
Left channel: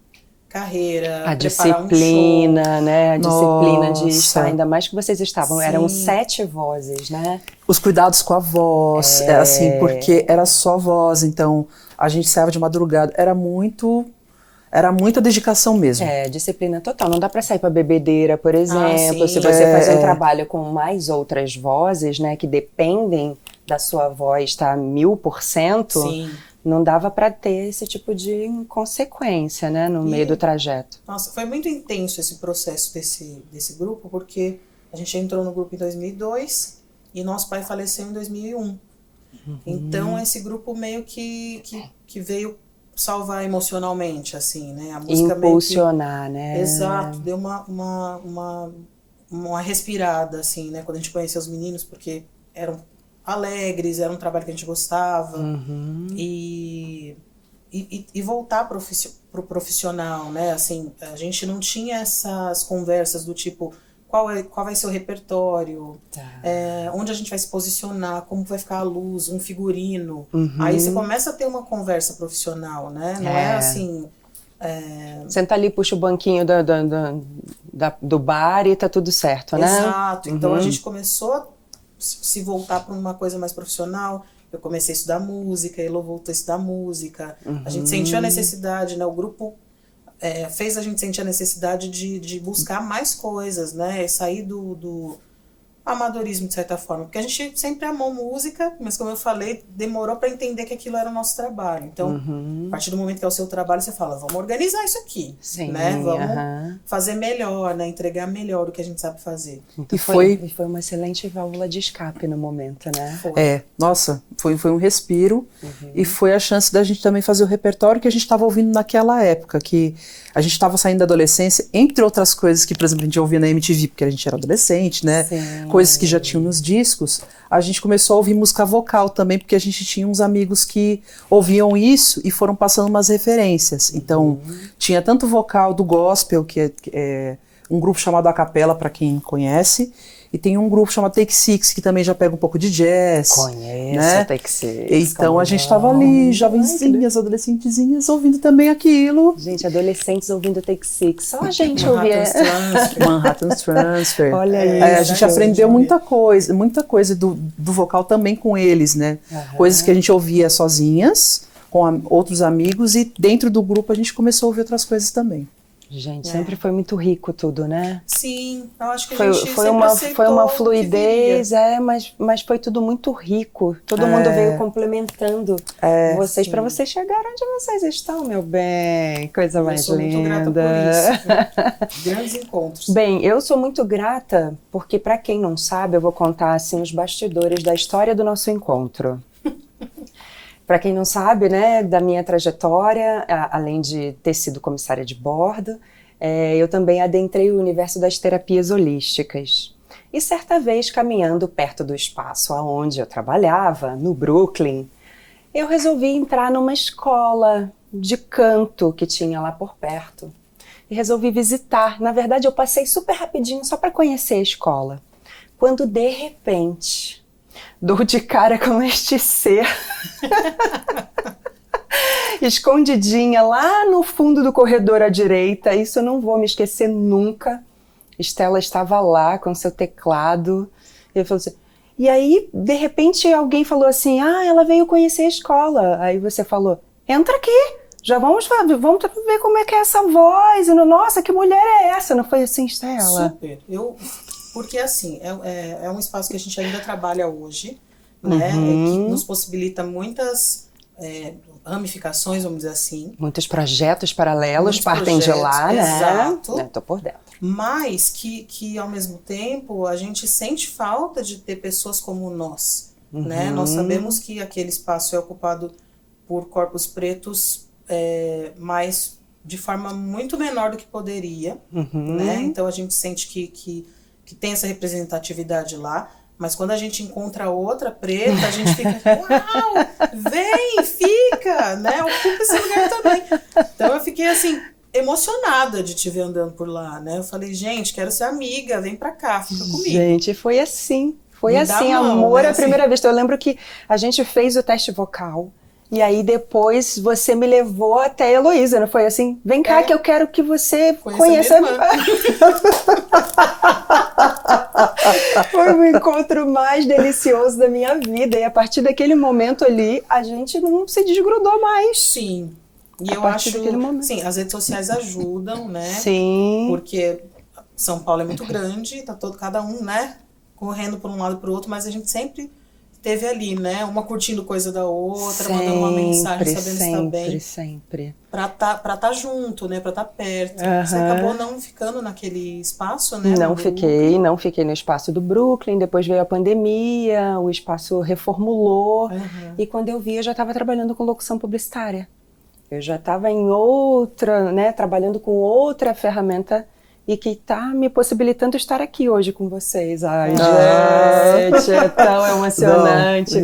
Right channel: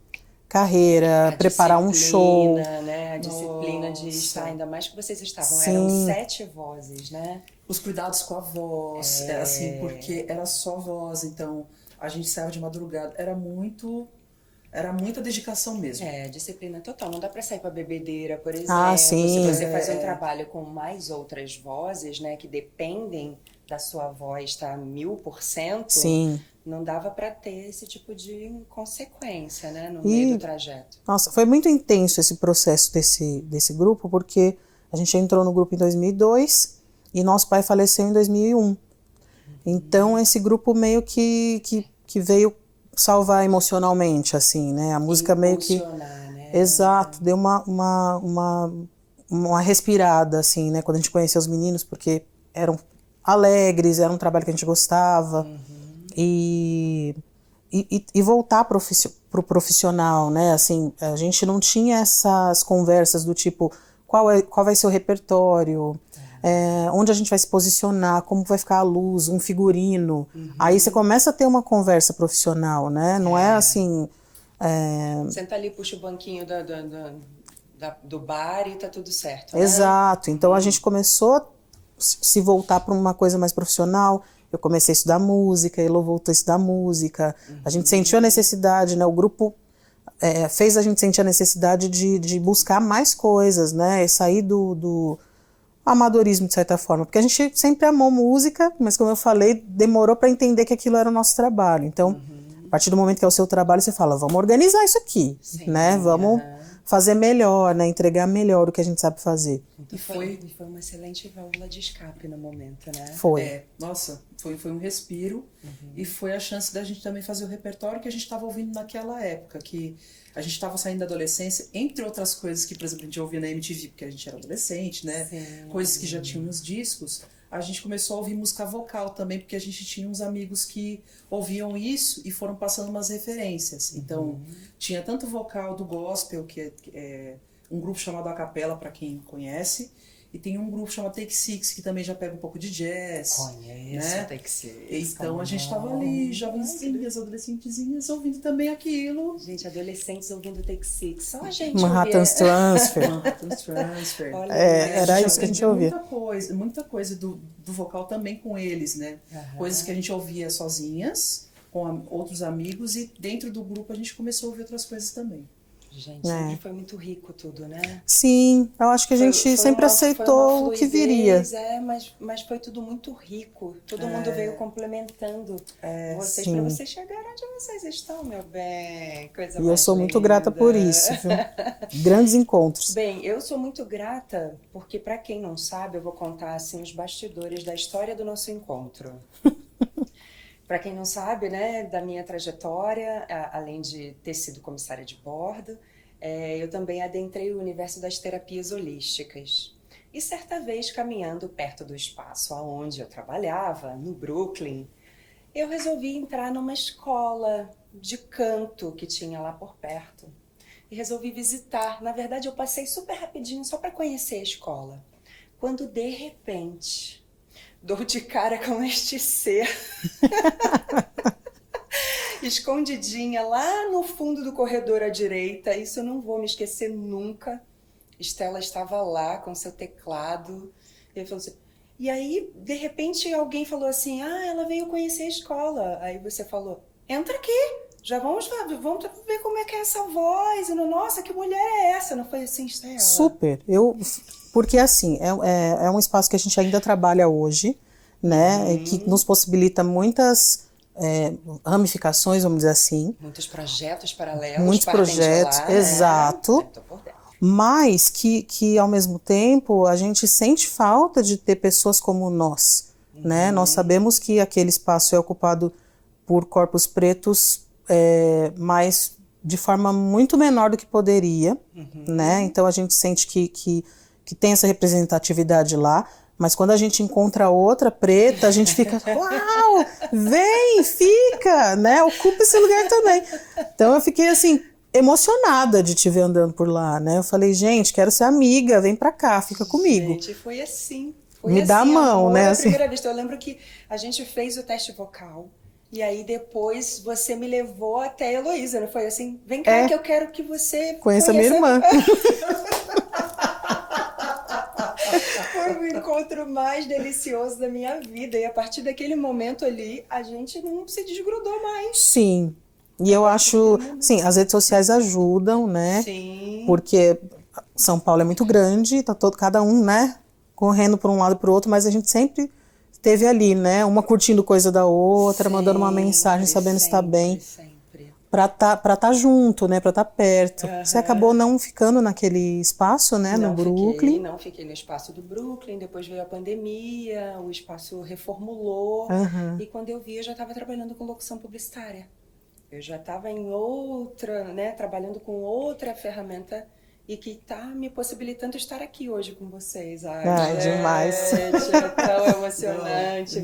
carreira, preparar um show. Disciplina, né? A disciplina Nossa. de estar, ainda mais que vocês estavam, Sim. eram 7 vozes, né? Os cuidados com a voz, assim, porque era só voz, então a gente saía de madrugada, era muita dedicação mesmo. Disciplina total. Não dá para sair para bebedeira, por exemplo. sim. Se você faz um trabalho com mais outras vozes, né, que dependem da sua voz, tá 1000%, Sim. não dava para ter esse tipo de consequência, né, no meio do trajeto. Nossa, foi muito intenso esse processo desse grupo, porque a gente entrou no grupo em 2002 e nosso pai faleceu em 2001. Então, esse grupo meio que veio salvar emocionalmente, assim, né? A música Impulsionar, né? Exato, deu uma respirada, assim, né? Quando a gente conheceu os meninos, porque eram alegres, era um trabalho que a gente gostava. E voltar pro profissional, né? Assim, a gente não tinha essas conversas do tipo... Qual vai ser o repertório, onde a gente vai se posicionar, como vai ficar a luz, um figurino. Aí você começa a ter uma conversa profissional, né? Não é assim... Senta ali, puxa o banquinho do bar e tá tudo certo, né? Exato. Então a gente começou a se voltar para uma coisa mais profissional. Eu comecei a estudar música, Elô voltou a estudar música. A gente sentiu a necessidade, né? O grupo... fez a gente sentir a necessidade de buscar mais coisas, né? E sair do amadorismo, de certa forma. Porque a gente sempre amou música, mas como eu falei, demorou para entender que aquilo era o nosso trabalho. Então, a partir do momento que é o seu trabalho, você fala, vamos organizar isso aqui, né? Vamos fazer melhor, né? Entregar melhor o que a gente sabe fazer. Então foi uma excelente válvula de escape no momento, né? Nossa, foi um respiro e foi a chance da gente também fazer o repertório que a gente estava ouvindo naquela época, que a gente estava saindo da adolescência, entre outras coisas que, por exemplo, a gente ouvia na MTV, porque a gente era adolescente, né? Sim. Coisas que já tinham nos discos, a gente começou a ouvir música vocal também, porque a gente tinha uns amigos que ouviam isso e foram passando umas referências. Então, tinha tanto vocal do gospel, que é um grupo chamado A Capela, para quem conhece, e tem um grupo chamado Take Six, que também já pega um pouco de jazz. Conheço, né? Take Six. Então a gente estava ali, jovenzinhas, adolescentezinhas, ouvindo também aquilo. Gente, adolescentes ouvindo Take Six. Só a gente ouvia. Manhattan's Transfer. Olha aí. A gente aprendeu muita coisa do vocal também com eles, né? Coisas que a gente ouvia sozinhas, com outros amigos, e dentro do grupo a gente começou a ouvir outras coisas também. Gente, sempre foi muito rico tudo, né? Sim, eu acho que a gente sempre aceitou foi uma o que fluidez, mas foi tudo muito rico. Todo mundo veio complementando vocês para vocês chegarem onde vocês estão, meu bem. Coisa mais linda. Eu sou muito grata por isso. Viu? Grandes encontros. Bem, eu sou muito grata porque, para quem não sabe, eu vou contar assim os bastidores da história do nosso encontro. Para quem não sabe, né, da minha trajetória, além de ter sido comissária de bordo, eu também adentrei o universo das terapias holísticas. E certa vez, caminhando perto do espaço onde eu trabalhava, no Brooklyn, eu resolvi entrar numa escola de canto que tinha lá por perto. E resolvi visitar. Na verdade, eu passei super rapidinho só para conhecer a escola. Quando, de repente, dou de cara com este ser escondidinha lá no fundo do corredor à direita. Isso eu não vou me esquecer nunca. Estela estava lá com seu teclado. Ele falou assim, e aí, de repente, alguém falou assim, ela veio conhecer a escola. Aí você falou, entra aqui, já vamos ver como é que é essa voz. E, nossa, que mulher é essa? Não foi assim, Estela? Super. Eu Porque, assim, é um espaço que a gente ainda trabalha hoje, né? Que nos possibilita muitas ramificações, vamos dizer assim. Muitos projetos paralelos Muitos partem de projetos, lá, né? exato. Tô por dentro. Mas que, ao mesmo tempo, a gente sente falta de ter pessoas como nós, né? Nós sabemos que aquele espaço é ocupado por corpos pretos, mas de forma muito menor do que poderia, né? Então, a gente sente que tem essa representatividade lá, mas quando a gente encontra outra preta, a gente fica, uau, vem, fica, né? Ocupa esse lugar também. Então, eu fiquei, assim, emocionada de te ver andando por lá, né? Eu falei, gente, quero ser amiga, vem pra cá, fica comigo. Gente, foi assim. Foi Me dá assim, a mão, amor, né, a assim. primeira vez. Eu lembro que a gente fez o teste vocal. E aí depois você me levou até a Heloísa, não foi assim? Vem cá que eu quero que você conheça minha irmã. Foi o encontro mais delicioso da minha vida. E a partir daquele momento ali, a gente não se desgrudou mais. Sim. E eu acho, sim, as redes sociais ajudam, né? Sim. Porque São Paulo é muito grande, tá cada um, né, correndo para um lado para o outro, mas a gente sempre esteve ali, né? Uma curtindo coisa da outra, mandando uma mensagem, sabendo se está bem. Sempre. Pra tá junto, né? Pra tá perto. Você acabou não ficando naquele espaço, né? Não fiquei no espaço do Brooklyn, depois veio a pandemia, o espaço reformulou. E quando eu vi, eu já estava trabalhando com locução publicitária. Eu já estava em outra, né? Trabalhando com outra ferramenta e que está me possibilitando estar aqui hoje com vocês. Ai, gente, é tão emocionante.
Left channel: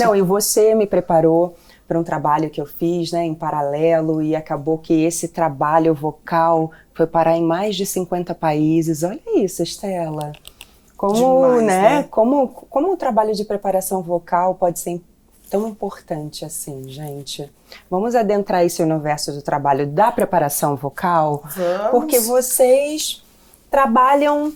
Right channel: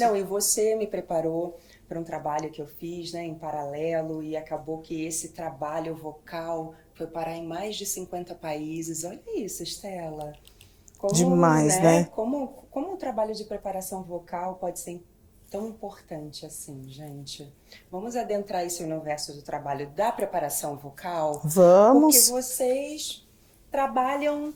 Não, e você me preparou para um trabalho que eu fiz, né, em paralelo, e acabou que esse trabalho vocal foi parar em mais de 50 países. Olha isso, Estela. Como, demais, né? Como o trabalho de preparação vocal pode ser tão importante assim, gente. Vamos adentrar esse universo do trabalho da preparação vocal? Vamos. Porque vocês trabalham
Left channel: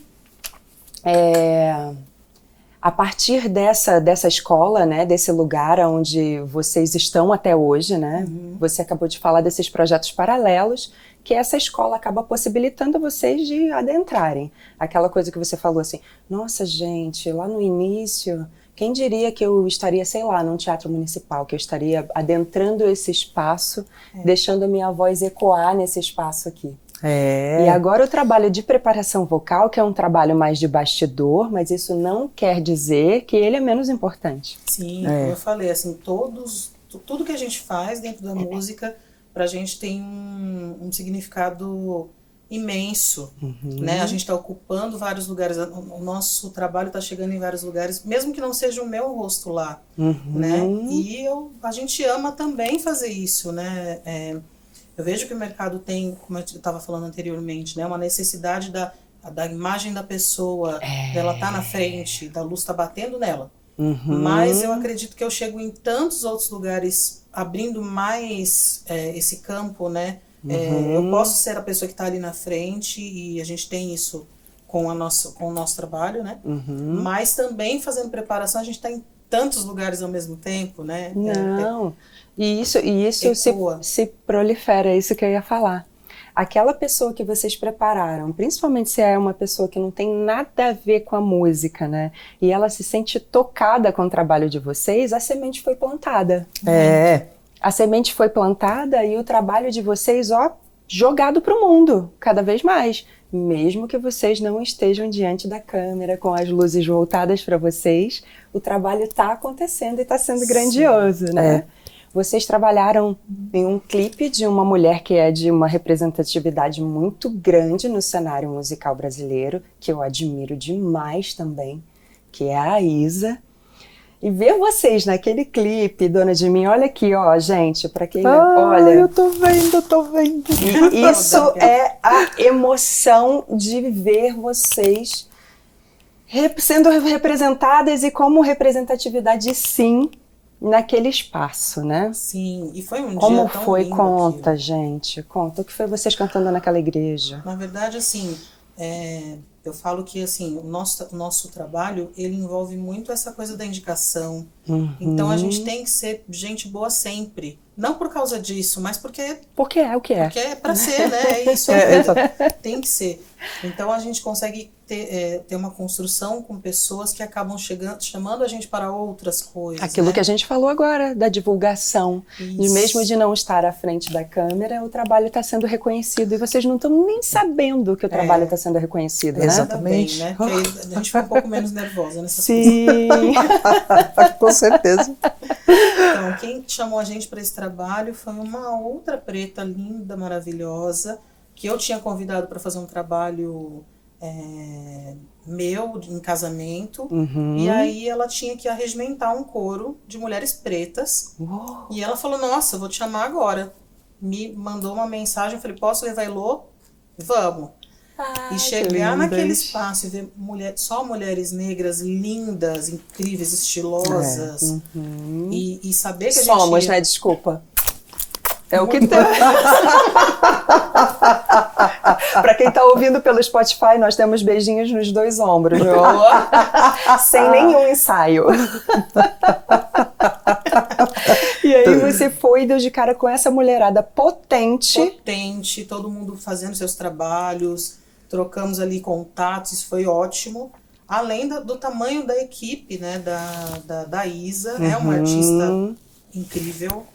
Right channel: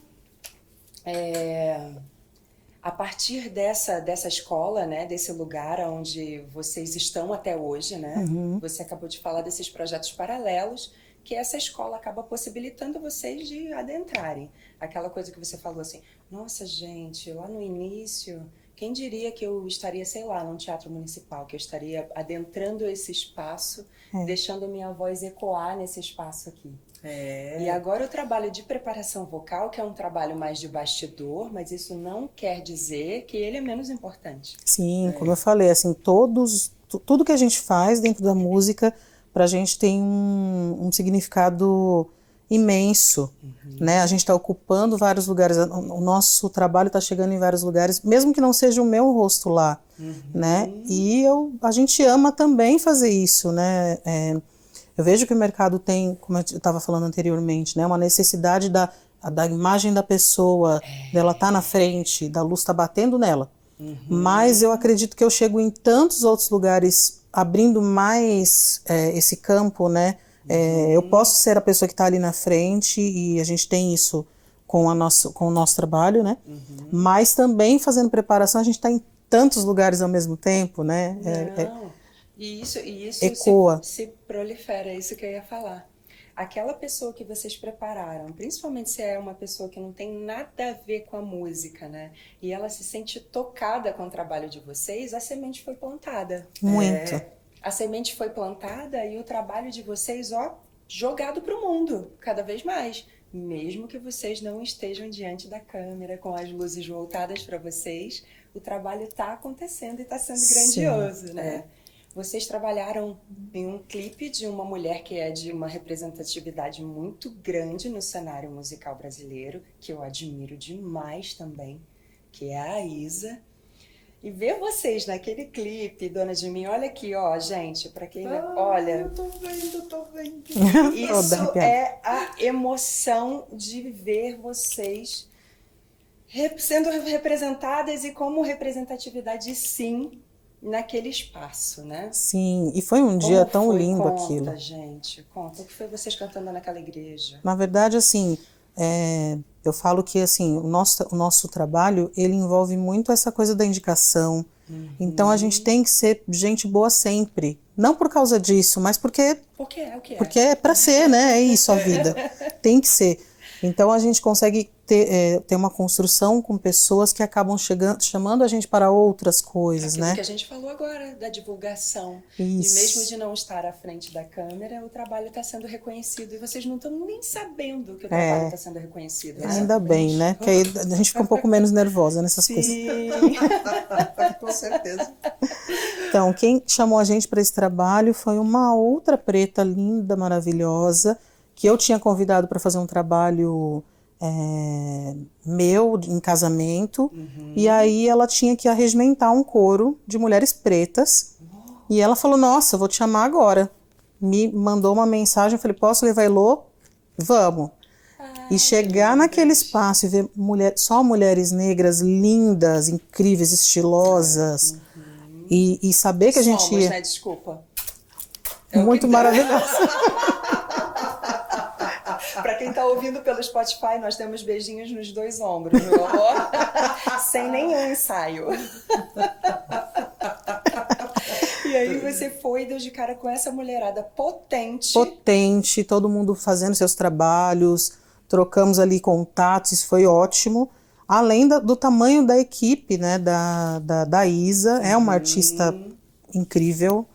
a partir dessa escola, né, desse lugar onde vocês estão até hoje, né? Você acabou de falar desses projetos paralelos, que essa escola acaba possibilitando vocês de adentrarem. Aquela coisa que você falou assim, nossa, gente, lá no início, quem diria que eu estaria, sei lá, num teatro municipal, que eu estaria adentrando esse espaço, deixando a minha voz ecoar nesse espaço aqui. E agora o trabalho de preparação vocal, que é um trabalho mais de bastidor, mas isso não quer dizer que ele é menos importante. Sim, como eu falei, assim, tudo que a gente faz dentro da música, pra gente tem um significado imenso, né? A gente está ocupando vários lugares, o nosso trabalho está chegando em vários lugares, mesmo que não seja o meu rosto lá, né? E a gente ama também fazer isso, né? Eu vejo que o mercado tem, como eu estava falando anteriormente, né? Uma necessidade da imagem da pessoa, dela estar na frente, da luz estar batendo nela. Mas eu acredito que eu chego em tantos outros lugares, abrindo mais esse campo, né? Eu posso ser a pessoa que está ali na frente, e a gente tem isso com o nosso trabalho, né? Mas também fazendo preparação, a gente está em tantos lugares ao mesmo tempo, né? E isso se prolifera, é isso que eu ia falar. Aquela pessoa que vocês prepararam, principalmente se é uma pessoa que não tem nada a ver com a música, né? E ela se sente tocada com o trabalho de vocês, a semente foi plantada. A semente foi plantada e o trabalho de vocês, jogado para o mundo, cada vez mais. Mesmo que vocês não estejam diante da câmera, com as luzes voltadas para vocês, o trabalho está acontecendo e está sendo grandioso, né? Vocês trabalharam em um clipe de uma mulher que é de uma representatividade muito grande no cenário musical brasileiro, que eu admiro demais também, que é a Isa. E ver vocês naquele clipe, Dona de Mim, olha aqui, gente, para quem olha... Eu tô vendo. Isso é a emoção de ver vocês sendo representadas e como representatividade, sim, naquele espaço, né? Sim, e foi um dia tão lindo. Conta, gente, conta. O que foi vocês cantando naquela igreja? Na verdade, assim, eu falo que assim, o nosso trabalho, ele envolve muito essa coisa da indicação. Então a gente tem que ser gente boa sempre. Não por causa disso, mas porque é o que é. Porque é pra ser, né? É isso. Tem que ser. Então a gente consegue ter uma construção com pessoas que acabam chamando a gente para outras coisas. Aquilo né? que a gente falou agora, da divulgação. Isso. E mesmo de não estar à frente da câmera, o trabalho está sendo reconhecido. E vocês não estão nem sabendo que o trabalho está sendo reconhecido, né? Ainda bem, né? Porque aí a gente fica um pouco menos nervosa nessas coisas. Sim! Com certeza. Então, quem chamou a gente para esse trabalho foi uma outra preta linda, maravilhosa, que eu tinha convidado para fazer um trabalho meu em casamento. E aí ela tinha que arregimentar um coro de mulheres pretas. Uou. E ela falou, nossa, eu vou te chamar agora. Me mandou uma mensagem, eu falei, posso levar Elô? Vamos. E chegar naquele espaço e ver só mulheres negras lindas, incríveis, estilosas. E saber que a gente... Somos, né? Desculpa. É o que Muito tem. Para quem está ouvindo pelo Spotify, nós temos beijinhos nos 2 ombros, meu amor. Sem nenhum ensaio. E aí você foi e deu de cara com essa mulherada potente. Potente, todo mundo fazendo seus trabalhos, trocamos ali contatos, isso foi ótimo. Além do tamanho da equipe, né, da Isa, é uma artista incrível.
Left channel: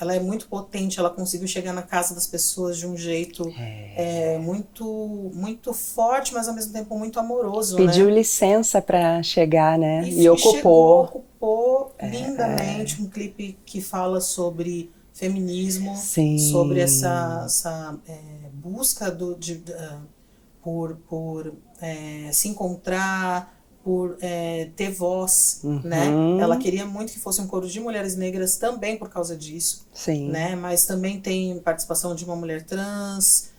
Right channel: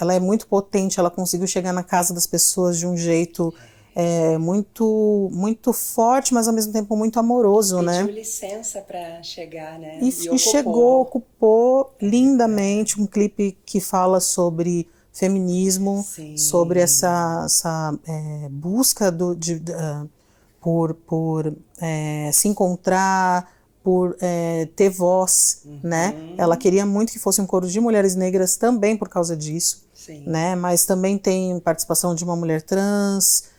Ela é muito potente, ela conseguiu chegar na casa das pessoas de um jeito muito, muito forte, mas ao mesmo tempo muito amoroso. Pediu né? licença para chegar, né? E ocupou lindamente um clipe que fala sobre feminismo, Sim. sobre essa busca por se encontrar, por ter voz, né? Ela queria muito que fosse um coro de mulheres negras também por causa disso, Sim. né? Mas também tem participação de uma mulher trans,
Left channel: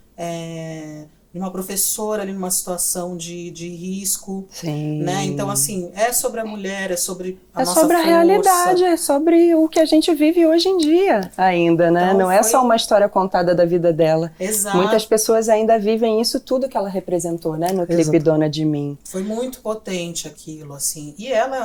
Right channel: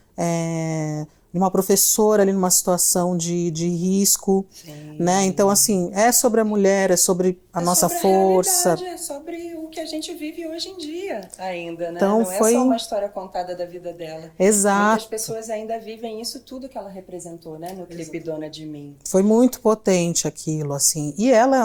de uma professora ali numa situação de risco, Sim. né? Então, assim, é sobre a mulher, é sobre a nossa força. É sobre a realidade, é sobre o que a gente vive hoje em dia ainda, né? Então, não é só uma história contada da vida dela. Exato. Muitas pessoas ainda vivem isso tudo que ela representou, né? No clipe Dona de Mim. Foi muito potente aquilo, assim. E ela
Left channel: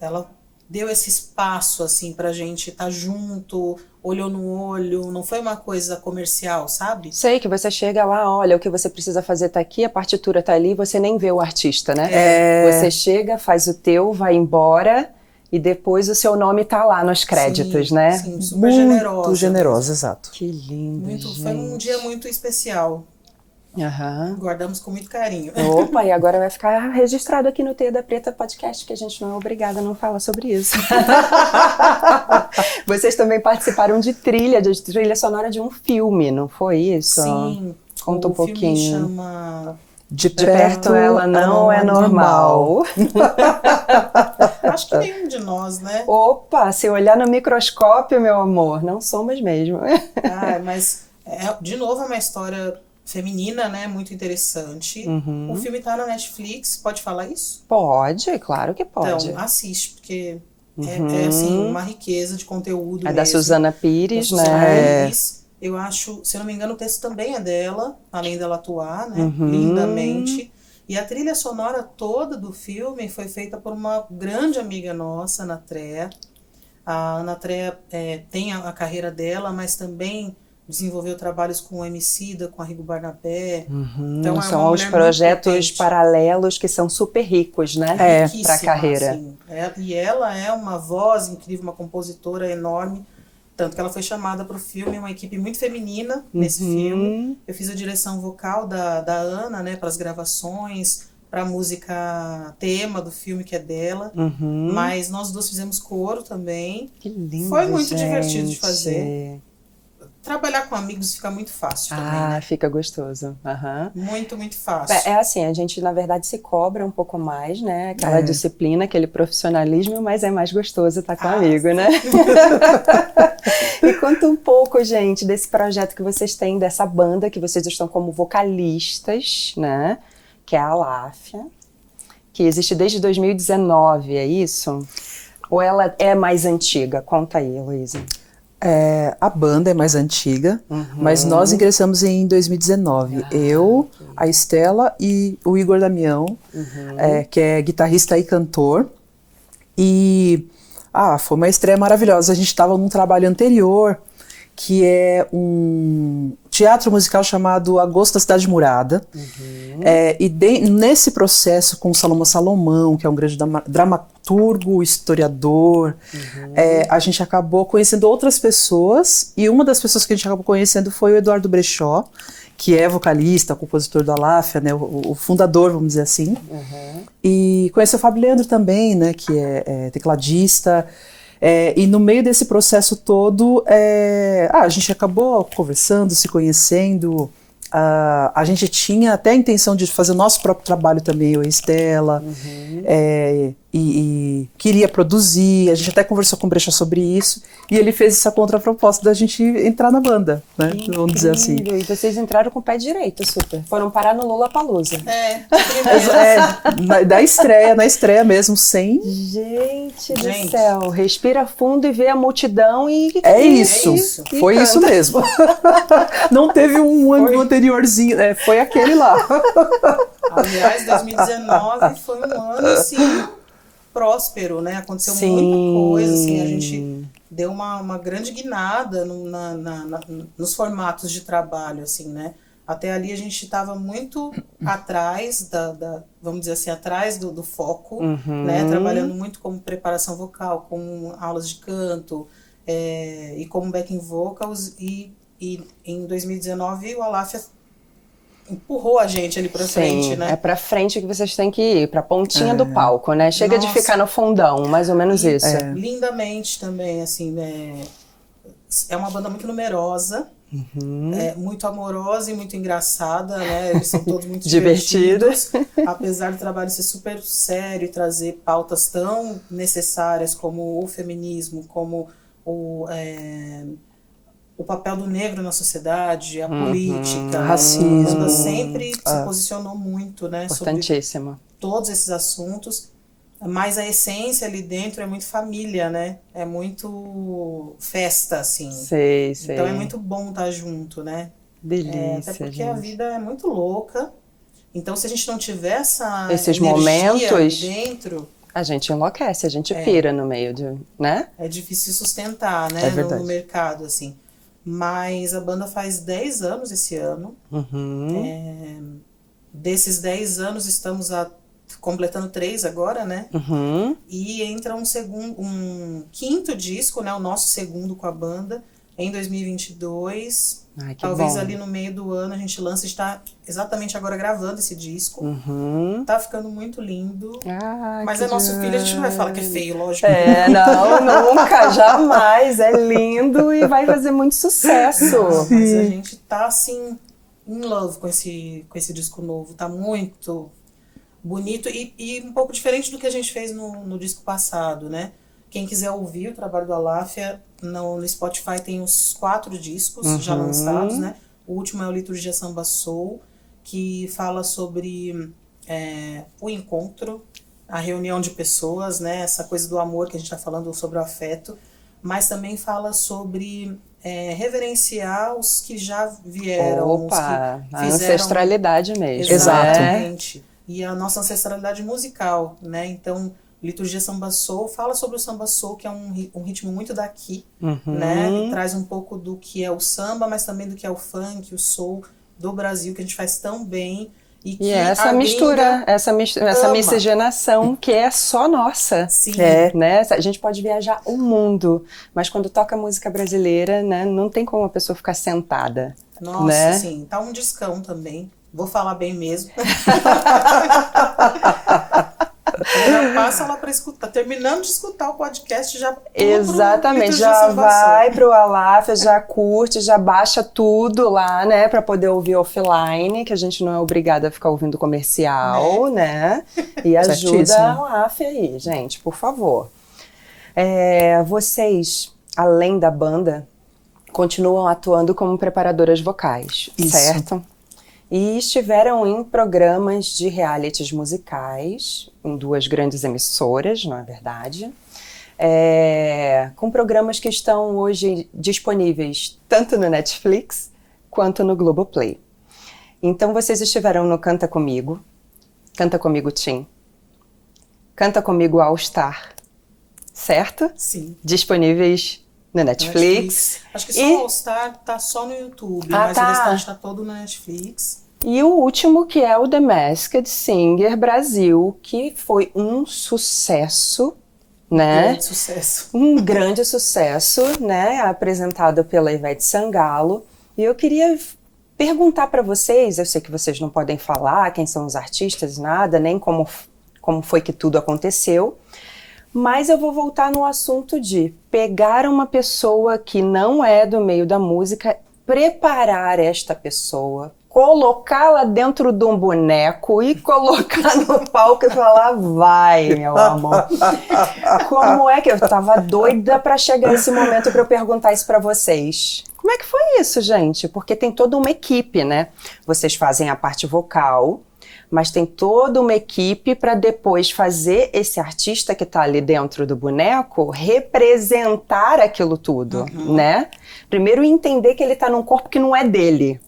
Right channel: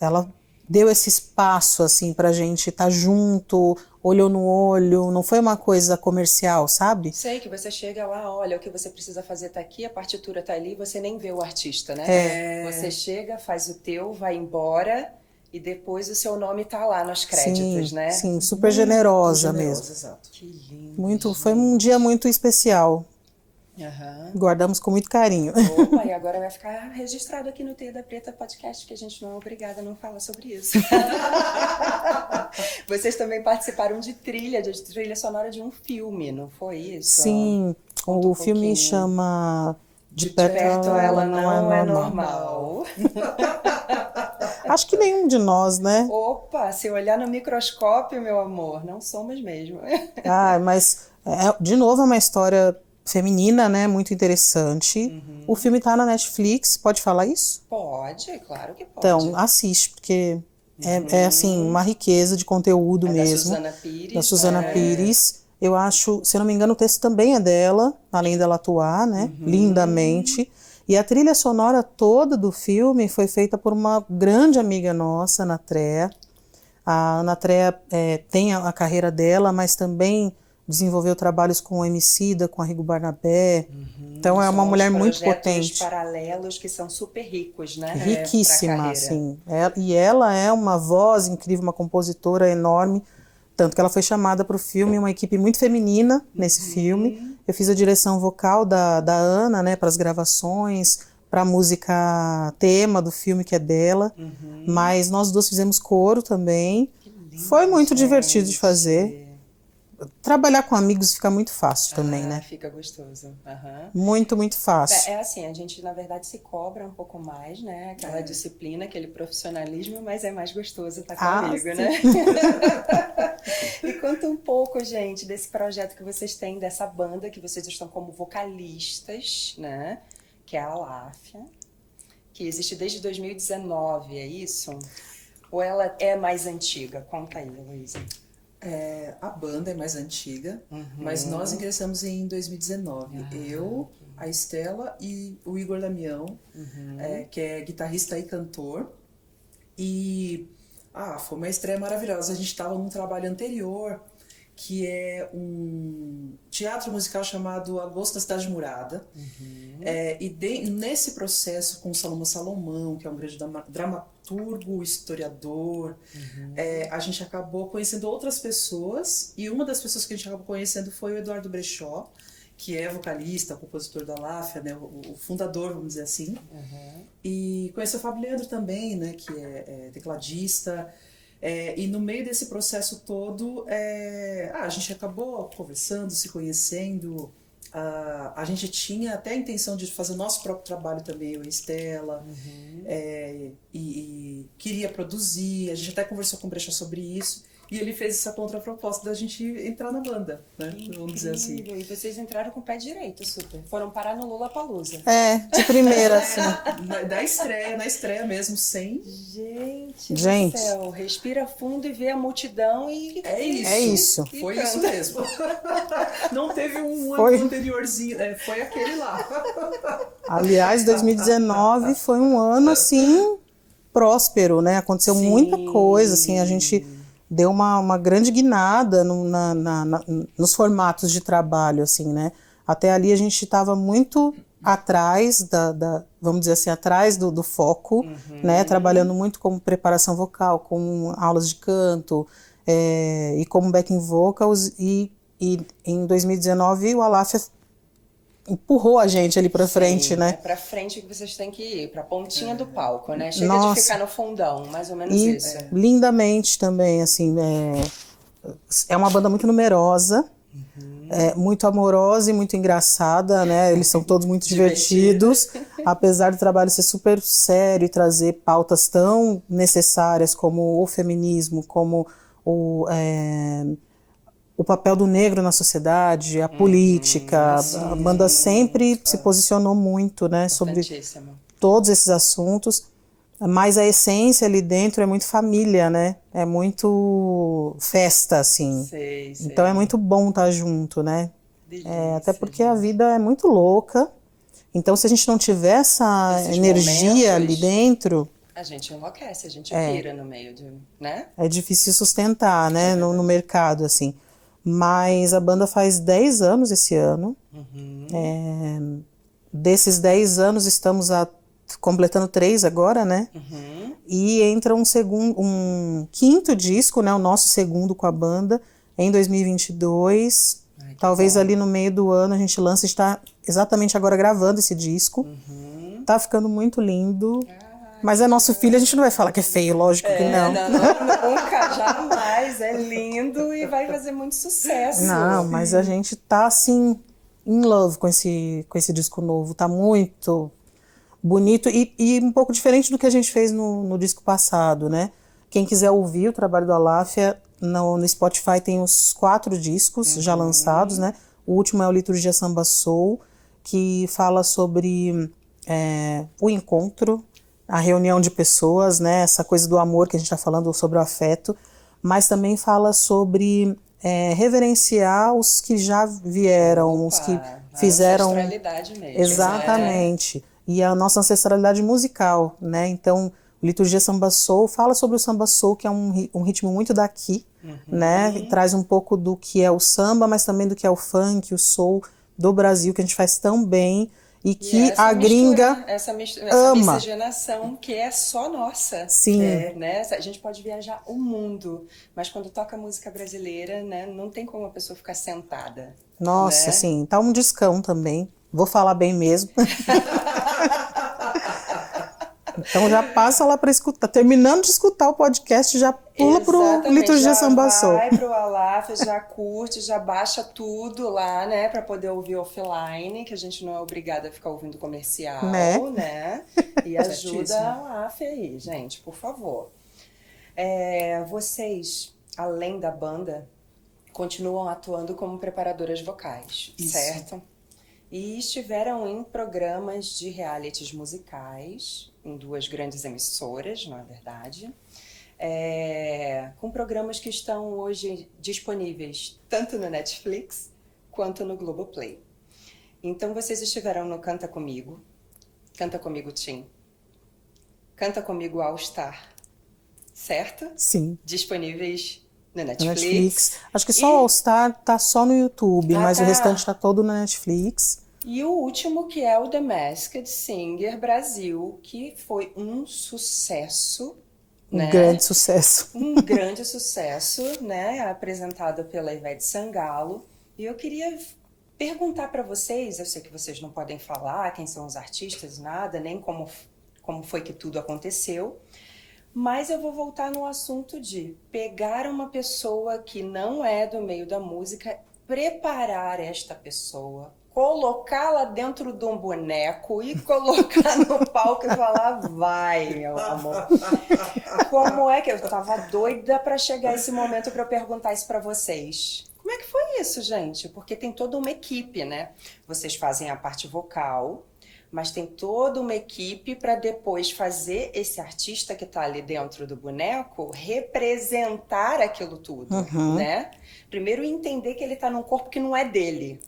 ela deu esse espaço, assim, pra gente estar junto, olho no olho, não foi uma coisa comercial, sabe? Sei que você chega lá, olha, o que você precisa fazer tá aqui, a partitura tá ali, você nem vê o artista, né? Você chega, faz o teu, vai embora e depois o seu nome tá lá nos créditos, né? Sim, super generosa. Muito generosa, exato. Que lindo, Foi um dia muito especial. Guardamos com muito carinho. Opa, e agora vai ficar registrado aqui no Teia da Preta Podcast, que a gente não é obrigada a não falar sobre isso. Vocês também participaram de trilha sonora de um filme, não foi isso? Sim, conta um pouquinho. O filme chama De Perto Ela Não É Normal. Acho que nenhum de nós, né? Opa, se olhar no microscópio, meu amor, não somos mesmo. Mas, de novo, é uma história feminina, né? Muito interessante. O filme tá na Netflix, pode falar isso? Pode, claro que pode. Então, assiste, porque é assim, uma riqueza de conteúdo mesmo. Da Suzana Pires, da Suzana né? Pires. Eu acho, se eu não me engano, o texto também é dela, além dela atuar, né? Lindamente. E a trilha sonora toda do filme foi feita por uma grande amiga nossa, Ana Trea. A Ana Trea tem a carreira dela, mas também desenvolveu trabalhos com o Emicida, com a Rigo Barnabé. Então é uma mulher muito projetos potente. Paralelos que são super ricos, né? Riquíssima, pra carreira. Assim. E ela é uma voz incrível, uma compositora enorme. Tanto que ela foi chamada para o filme, uma equipe muito feminina nesse filme. Eu fiz a direção vocal da Ana, né, para as gravações, para a música tema do filme, que é dela. Mas nós duas fizemos coro também. Que lindo, foi muito gente. divertido de fazer. Trabalhar com amigos fica muito fácil também, né? Fica gostoso. Muito, muito fácil. É assim, a gente na verdade se cobra um pouco mais, né? Aquela disciplina, aquele profissionalismo, mas é mais gostoso estar com amigo, né? E conta um pouco, gente, desse projeto que vocês têm, dessa banda que vocês estão como vocalistas, né? Que é a Aláfia, que existe desde 2019, é isso? Ou ela é mais antiga? Conta aí, Luísa. A banda é mais antiga, mas nós ingressamos em 2019. Eu, a Estela e o Igor Damião, que é guitarrista e cantor. E foi uma estreia maravilhosa. A gente estava num trabalho anterior, que é teatro musical chamado Agosto da Cidade Murada. Nesse processo com o Salomão Salomão, que é um grande dramaturgo, historiador, a gente acabou conhecendo outras pessoas, e uma das pessoas que a gente acabou conhecendo foi o Eduardo Brechó, que é vocalista, compositor do Aláfia, né, o fundador, vamos dizer assim. E conheceu o Fábio Leandro também, né, que é tecladista. E no meio desse processo todo, a gente acabou conversando, se conhecendo. A gente tinha até a intenção de fazer o nosso próprio trabalho também, eu e a Estela, e queria produzir. A gente até conversou com o Brecha sobre isso, e ele fez essa contraproposta da gente entrar na banda, né? Vamos dizer assim. E vocês entraram com o pé direito, super. Foram parar no Lollapalooza. De primeira. Na estreia mesmo, sem... Gente do céu, respira fundo e vê a multidão e... Isso. Foi canta. isso mesmo. Não teve um ano anteriorzinho, foi aquele lá. Aliás, 2019 foi um ano, assim, próspero, né? Aconteceu muita coisa, assim, a gente deu uma grande guinada nos formatos de trabalho, assim, né? Até ali a gente estava muito atrás vamos dizer assim, atrás do foco, né? Trabalhando muito como preparação vocal, com aulas de canto, e como backing vocals, e em 2019 o Aláfia empurrou a gente ali pra frente, né? É pra frente que vocês têm que ir, pra pontinha do palco, né? Chega de ficar no fundão, mais ou menos isso. Lindamente também, assim, é uma banda muito numerosa, muito amorosa e muito engraçada, né? Eles são todos muito divertidos, apesar do trabalho ser super sério e trazer pautas tão necessárias como o feminismo, como o papel do negro na sociedade, a política, racismo. A banda sempre se posicionou muito, né, sobre todos esses assuntos, mas a essência ali dentro é muito família, né, é muito festa, assim. Sei. Então é muito bom estar junto, né. Delícia, até porque gente. a vida é muito louca, então se a gente não tiver esses energia momentos ali dentro... A gente enlouquece, a gente pira no meio de, né? É difícil sustentar, né, no mercado, assim. Mas a banda faz 10 anos esse ano. Desses 10 anos estamos completando 3 agora, né? E entra um quinto disco, né? O nosso segundo com a banda, em 2022. Talvez ali no meio do ano a gente lança, está exatamente agora gravando esse disco. Tá ficando muito lindo. Mas é nosso filho, a gente não vai falar que é feio, lógico que não. Não, nunca, jamais. É lindo e vai fazer muito sucesso. Não, mas a gente tá assim, in love com esse disco novo. Tá muito bonito e um pouco diferente do que a gente fez no disco passado, né? Quem quiser ouvir o trabalho do Aláfia, no Spotify tem os 4 discos já lançados, né? O último é o Liturgia Samba Soul, que fala sobre o encontro, a reunião de pessoas, né? Essa coisa do amor que a gente está falando, sobre o afeto, mas também fala sobre reverenciar os que já vieram, os que fizeram... ancestralidade mesmo. Exatamente. E a nossa ancestralidade musical, né? Então... Liturgia Samba Soul fala sobre o Samba Soul, que é um ritmo muito daqui, né? E traz um pouco do que é o samba, mas também do que é o funk, o soul do Brasil, que a gente faz tão bem. E que essa mistura, essa ama. miscigenação que é só nossa. Sim. Né? A gente pode viajar o mundo, mas quando toca música brasileira, né, não tem como a pessoa ficar sentada. Nossa, né? Sim. Tá um discão também. Vou falar bem mesmo. Então já passa lá para escutar, terminando de escutar o podcast, já pula pro Liturgia Samba Soul. Vai pro Aláfia, já curte, já baixa tudo lá, né, para poder ouvir offline, que a gente não é obrigada a ficar ouvindo comercial, né? E ajuda a Aláfia aí, gente, por favor. Vocês, além da banda, continuam atuando como preparadoras vocais, certo? E estiveram em programas de realities musicais, em 2 grandes emissoras, não é verdade? Com programas que estão hoje disponíveis tanto no Netflix quanto no Globoplay. Então vocês estiveram no Canta Comigo Tim, Canta Comigo All Star, certo? Sim. Disponíveis No Netflix. Acho que só o All Star tá só no YouTube, mas o restante tá todo na Netflix. E o último, que é o The Masked Singer Brasil, que foi um sucesso, né? Um grande sucesso. Um grande sucesso, né? Apresentado pela Ivete Sangalo. E eu queria perguntar para vocês, eu sei que vocês não podem falar quem são os artistas, nada, nem como foi que tudo aconteceu, mas eu vou voltar no assunto de pegar uma pessoa que não é do meio da música, preparar esta pessoa, colocá-la dentro de um boneco e colocar no palco e falar, vai, meu amor. Como é que eu tava doida para chegar esse momento para eu perguntar isso para vocês? Como é que foi isso, gente? Porque tem toda uma equipe, né? Vocês fazem a parte vocal, mas tem toda uma equipe para depois fazer esse artista que está ali dentro do boneco representar aquilo tudo, né? Primeiro entender que ele está num corpo que não é dele.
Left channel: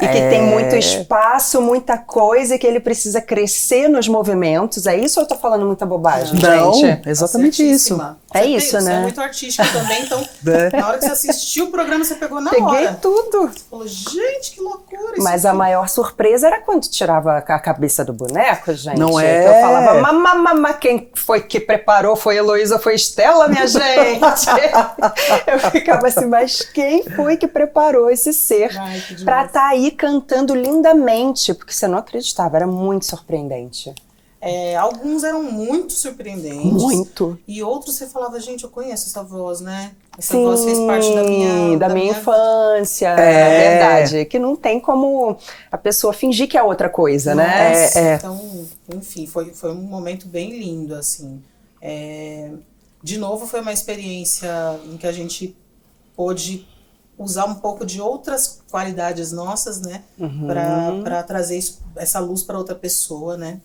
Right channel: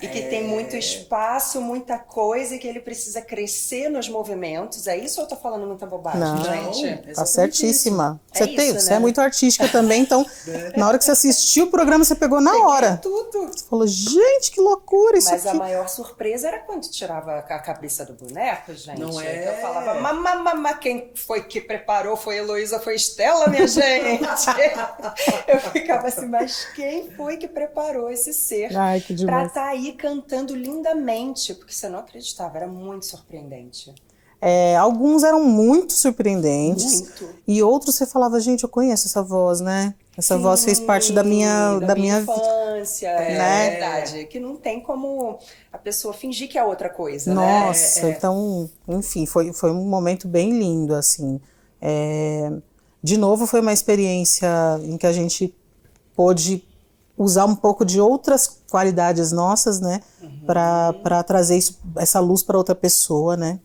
E que tem muito espaço, muita coisa, e que ele precisa crescer nos movimentos. É isso ou eu tô falando muita bobagem, Não, gente? exatamente isso. É isso, né? Você é muito artística também, então na hora que você assistiu o programa, você pegou na hora. Peguei tudo. Você falou, gente, que loucura isso. Mas a maior surpresa era quando tirava a cabeça do boneco, gente. Não é? Eu falava, mamamama, quem foi que preparou? Foi Heloísa ou foi Estela, minha gente? Eu ficava assim, mas quem foi que preparou esse ser pra estar aí cantando lindamente? Porque você não acreditava, era muito surpreendente. Alguns eram muito surpreendentes. Muito. E outros você falava, gente, eu conheço essa voz, né? Essa Sim, voz fez parte da minha infância, na verdade. Que não tem como a pessoa fingir que é outra coisa, Nossa, né? Então, enfim, foi um momento bem lindo, assim. De novo, foi uma experiência em que a gente pôde usar um pouco de outras qualidades nossas, né? Para trazer essa luz para outra pessoa, né?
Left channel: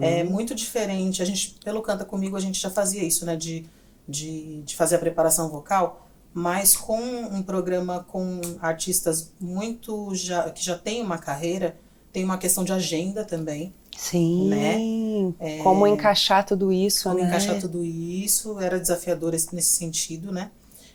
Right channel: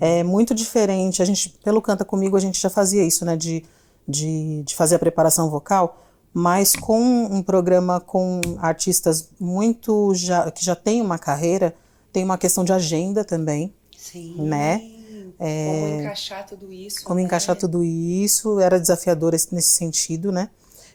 É muito diferente. A gente, pelo Canta Comigo, a gente já fazia isso, né? De fazer a preparação vocal, mas com um programa com artistas que já têm uma carreira, tem uma questão de agenda também. Sim. Né? Como encaixar tudo isso, Como encaixar tudo isso, era desafiador nesse sentido, né?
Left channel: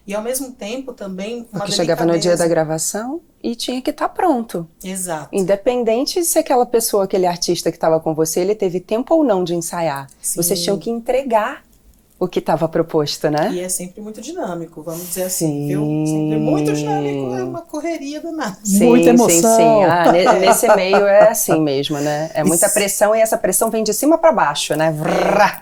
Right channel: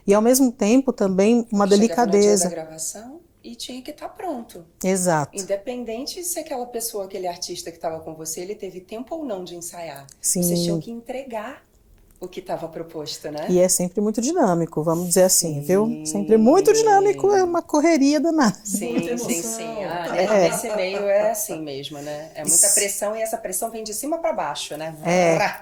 E ao mesmo tempo também uma delicadeza. Chegava no dia da gravação e tinha que estar pronto. Exato. Independente se aquela pessoa, aquele artista que estava com você, ele teve tempo ou não de ensaiar. Sim. Vocês tinham que entregar o que estava proposto, né? E é sempre muito dinâmico, vamos dizer assim, viu? Sempre muito dinâmico, é uma correria danada. Sim, Muita emoção. Sim. Nesse meio é assim mesmo, né? É muita pressão e essa pressão vem de cima para baixo, né?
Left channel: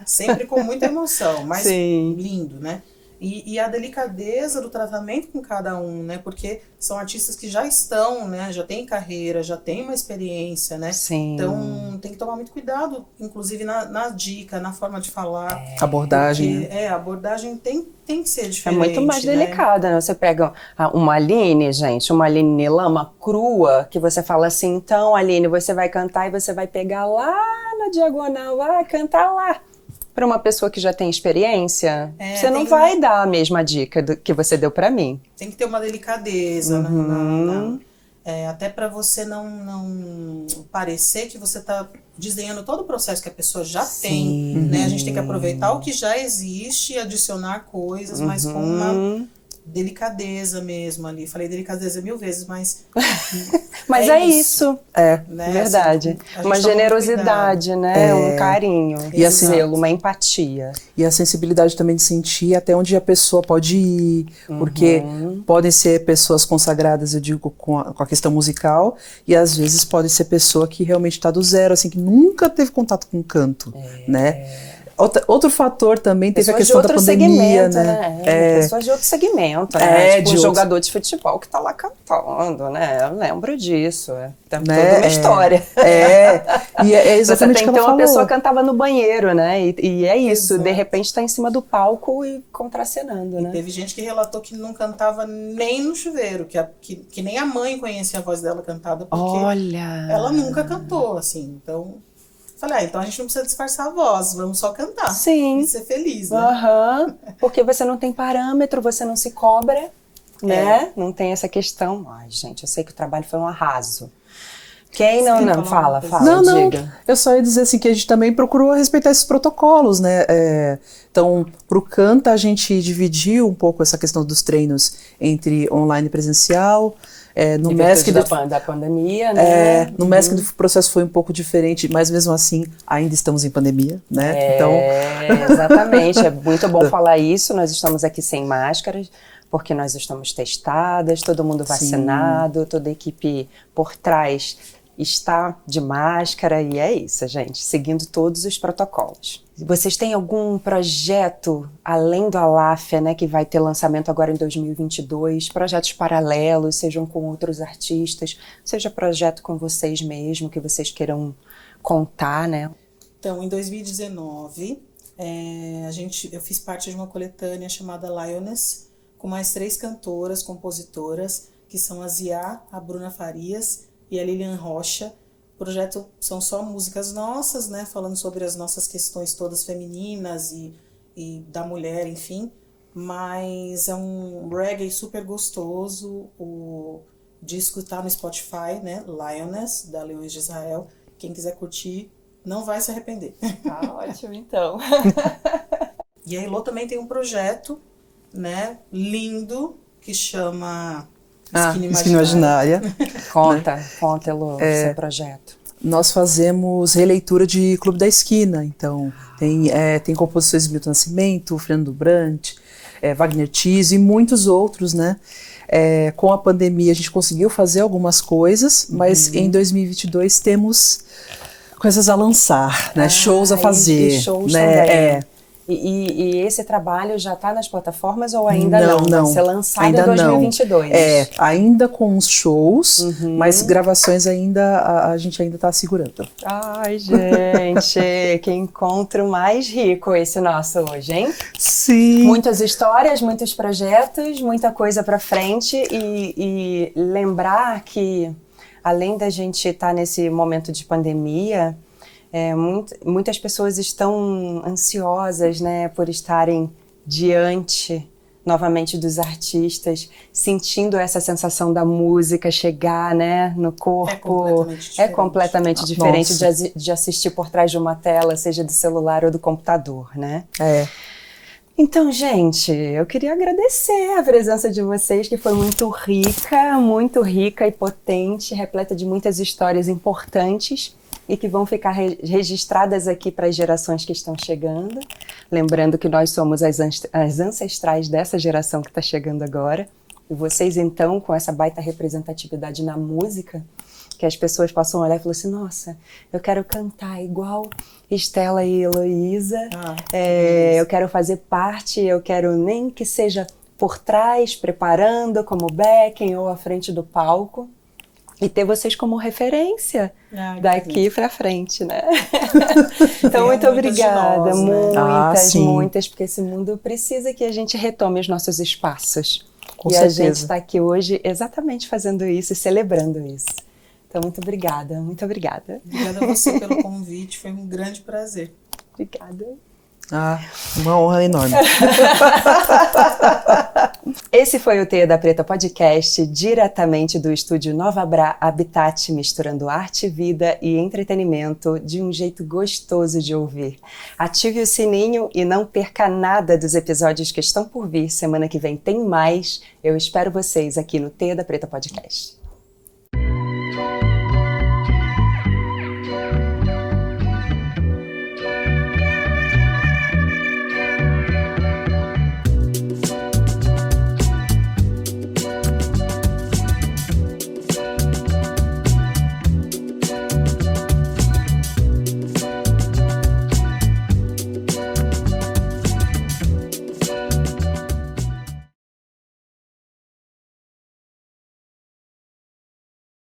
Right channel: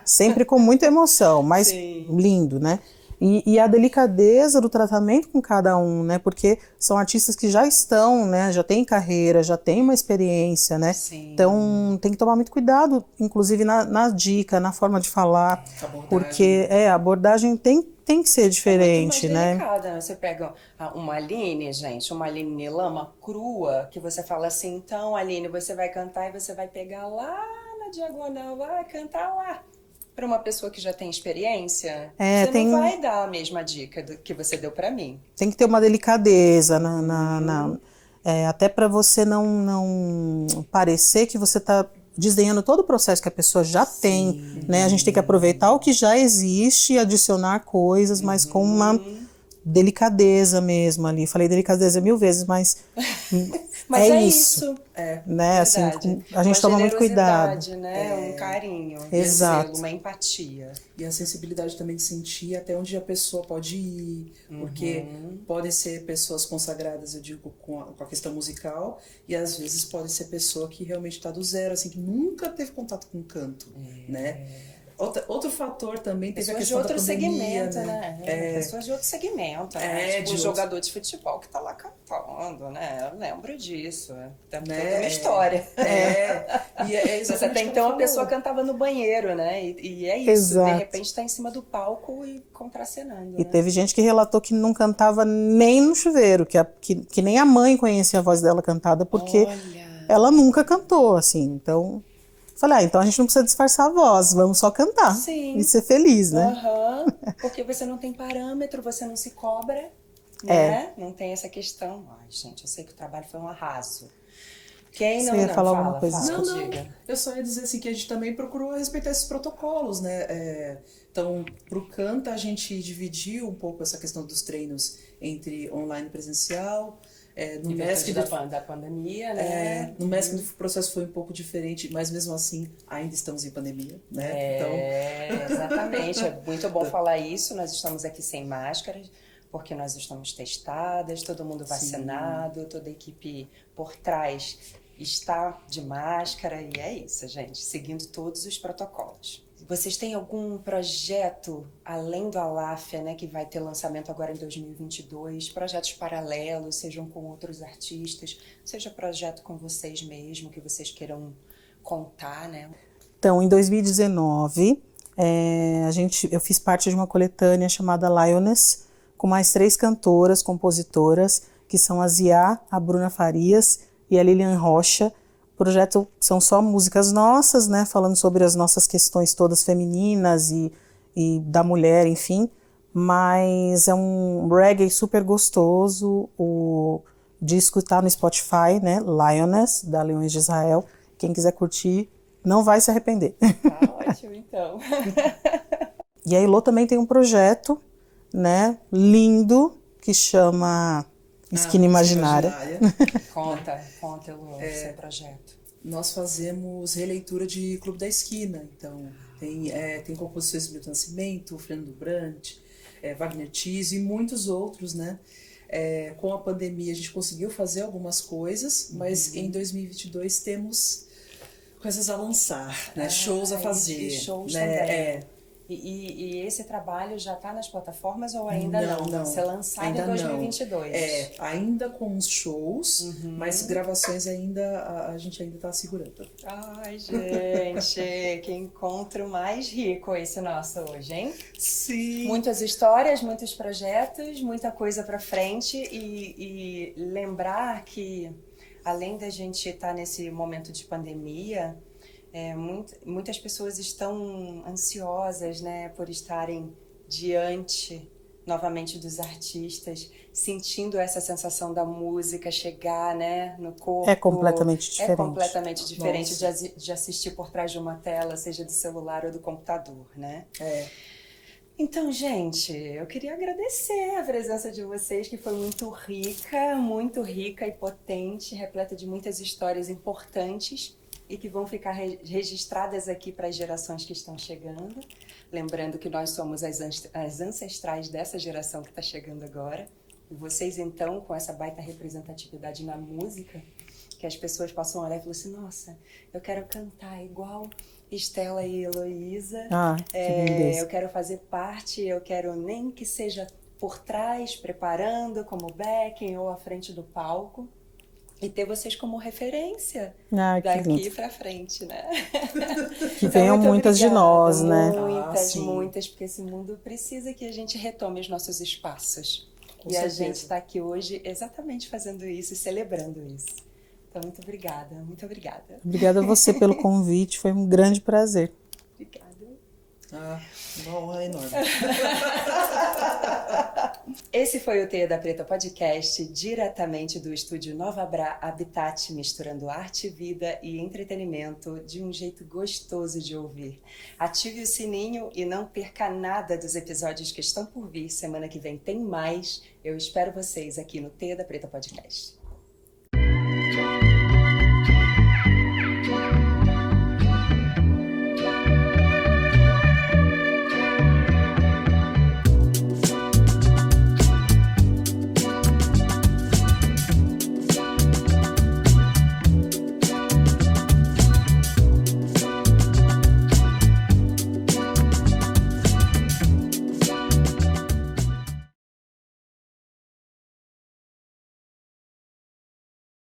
Sempre com muita emoção, mas Sim. lindo, né? E a delicadeza do tratamento com cada um, né? Porque são artistas que já estão, né? Já têm carreira, já têm uma experiência, né? Sim. Então tem que tomar muito cuidado, inclusive na dica, na forma de falar. Abordagem. Porque a abordagem tem que ser diferente. É muito mais delicada, né? Você pega uma Aline, gente, uma Aline Lama crua, que você fala assim, então, Aline, você vai cantar e você vai pegar lá na diagonal, vai cantar lá. Para uma pessoa que já tem experiência, você não vai dar a mesma dica que você deu para mim. Tem que ter uma delicadeza, até para você não parecer que você está desdenhando todo o processo que a pessoa já tem. Né? A gente tem que aproveitar o que já existe e adicionar coisas, mas com uma delicadeza mesmo ali. Falei delicadeza 1000 vezes, mas mas é isso. Né? Verdade. Assim, uma generosidade, né? Um carinho, e uma empatia. E a sensibilidade também de sentir até onde a pessoa pode ir, porque podem ser pessoas consagradas, eu digo, com a questão musical, e às vezes pode ser pessoa que realmente está do zero, assim, que nunca teve contato com canto, né? Outro fator também teve a questão da pandemia, né? Pessoas de outro segmento, né? Tipo um jogador de futebol que tá lá cantando, né? Eu lembro disso. Tem toda uma história. E é exatamente o que ela falou. Você tem que ter uma pessoa que cantava no banheiro, né? E é isso, de repente tá em cima do palco e contracenando, E né? teve gente que relatou que não cantava nem no chuveiro, que nem a mãe conhecia a voz dela cantada, porque ela nunca cantou, assim, então... Falei, então a gente não precisa disfarçar a voz, vamos só cantar. Sim. E ser feliz, né? Porque você não tem parâmetro, você não se cobra, né? Não tem essa questão. Ai, gente, eu sei que o trabalho foi um arraso. Quem não, Você ia não, falar fala, uma coisa? fala, Não, diga. eu só ia dizer assim que a gente também procurou respeitar esses protocolos, né? Então, para o Canta, a gente dividiu um pouco essa questão dos treinos entre online e presencial. No Em MESC, virtude da pandemia, né? no MESC o processo foi um pouco diferente, mas mesmo assim ainda estamos em pandemia, né? Então, Exatamente, é muito bom falar isso. Nós estamos aqui sem máscaras, porque nós estamos testadas, todo mundo vacinado, toda a equipe por trás está de máscara e é isso, gente, seguindo todos os protocolos. Vocês têm algum projeto além do Aláfia, né, que vai ter lançamento agora em 2022, projetos paralelos, sejam com outros artistas, seja projeto com vocês mesmo, que vocês queiram contar, né? Então, em 2019, eu fiz parte de uma coletânea chamada Lioness, com mais 3 cantoras, compositoras, que são a Ziá, a Bruna Farias e a Lilian Rocha. O projeto são só músicas nossas, né, falando sobre as nossas questões todas femininas e da mulher, enfim, mas é um reggae super gostoso. O disco tá no Spotify, né, Lioness, da Leões de Israel. Quem quiser curtir, não vai se arrepender. Tá ótimo, então. E a Ilô também tem um projeto, né, lindo, que chama Esquina Imaginária. Conta, Elô, seu projeto. nós fazemos releitura de Clube da Esquina, então tem composições de Milton Nascimento, Fernando Brant, Wagner Tiso e muitos outros, né? Com a pandemia a gente conseguiu fazer algumas coisas, mas em 2022 temos coisas a lançar, né? Shows a fazer. E shows né? também. E esse trabalho já está nas plataformas ou ainda não? Não. Vai ser lançado ainda em 2022? Não. Ainda com os shows, mas gravações ainda a gente ainda está segurando. Ai, gente, que encontro mais rico esse nosso hoje, hein? Sim. Muitas histórias, muitos projetos, muita coisa para frente e lembrar que além da gente estar nesse momento de pandemia, muitas pessoas estão ansiosas, né, por estarem diante novamente dos artistas, sentindo essa sensação da música chegar, né, no corpo. É completamente diferente. É completamente diferente de assistir por trás de uma tela, seja do celular ou do computador, né? Então, gente, eu queria agradecer a presença de vocês, que foi muito rica e potente, repleta de muitas histórias importantes e que vão ficar registradas aqui para as gerações que estão chegando. Lembrando que nós somos as ancestrais dessa geração que está chegando agora. E vocês, então, com essa baita representatividade na música, que as pessoas possam olhar e falar assim, nossa, eu quero cantar igual Estela e Heloísa, eu quero fazer parte, eu quero nem que seja por trás, preparando como backing ou à frente do palco, e ter vocês como referência daqui para frente, né? Então, muito obrigada, muitas, porque esse mundo precisa que a gente retome os nossos espaços. Com e certeza. A gente está aqui hoje exatamente fazendo isso e celebrando isso. Então, muito obrigada, muito obrigada. Obrigada a você pelo convite, foi um grande prazer. Obrigada. Uma honra enorme. Esse foi o Teia da Preta Podcast, diretamente do estúdio Nova Bra Habitat, misturando arte, vida e entretenimento de um jeito gostoso de ouvir. Ative o sininho e não perca nada dos episódios que estão por vir. Semana que vem tem mais. Eu espero vocês aqui no Teia da Preta Podcast.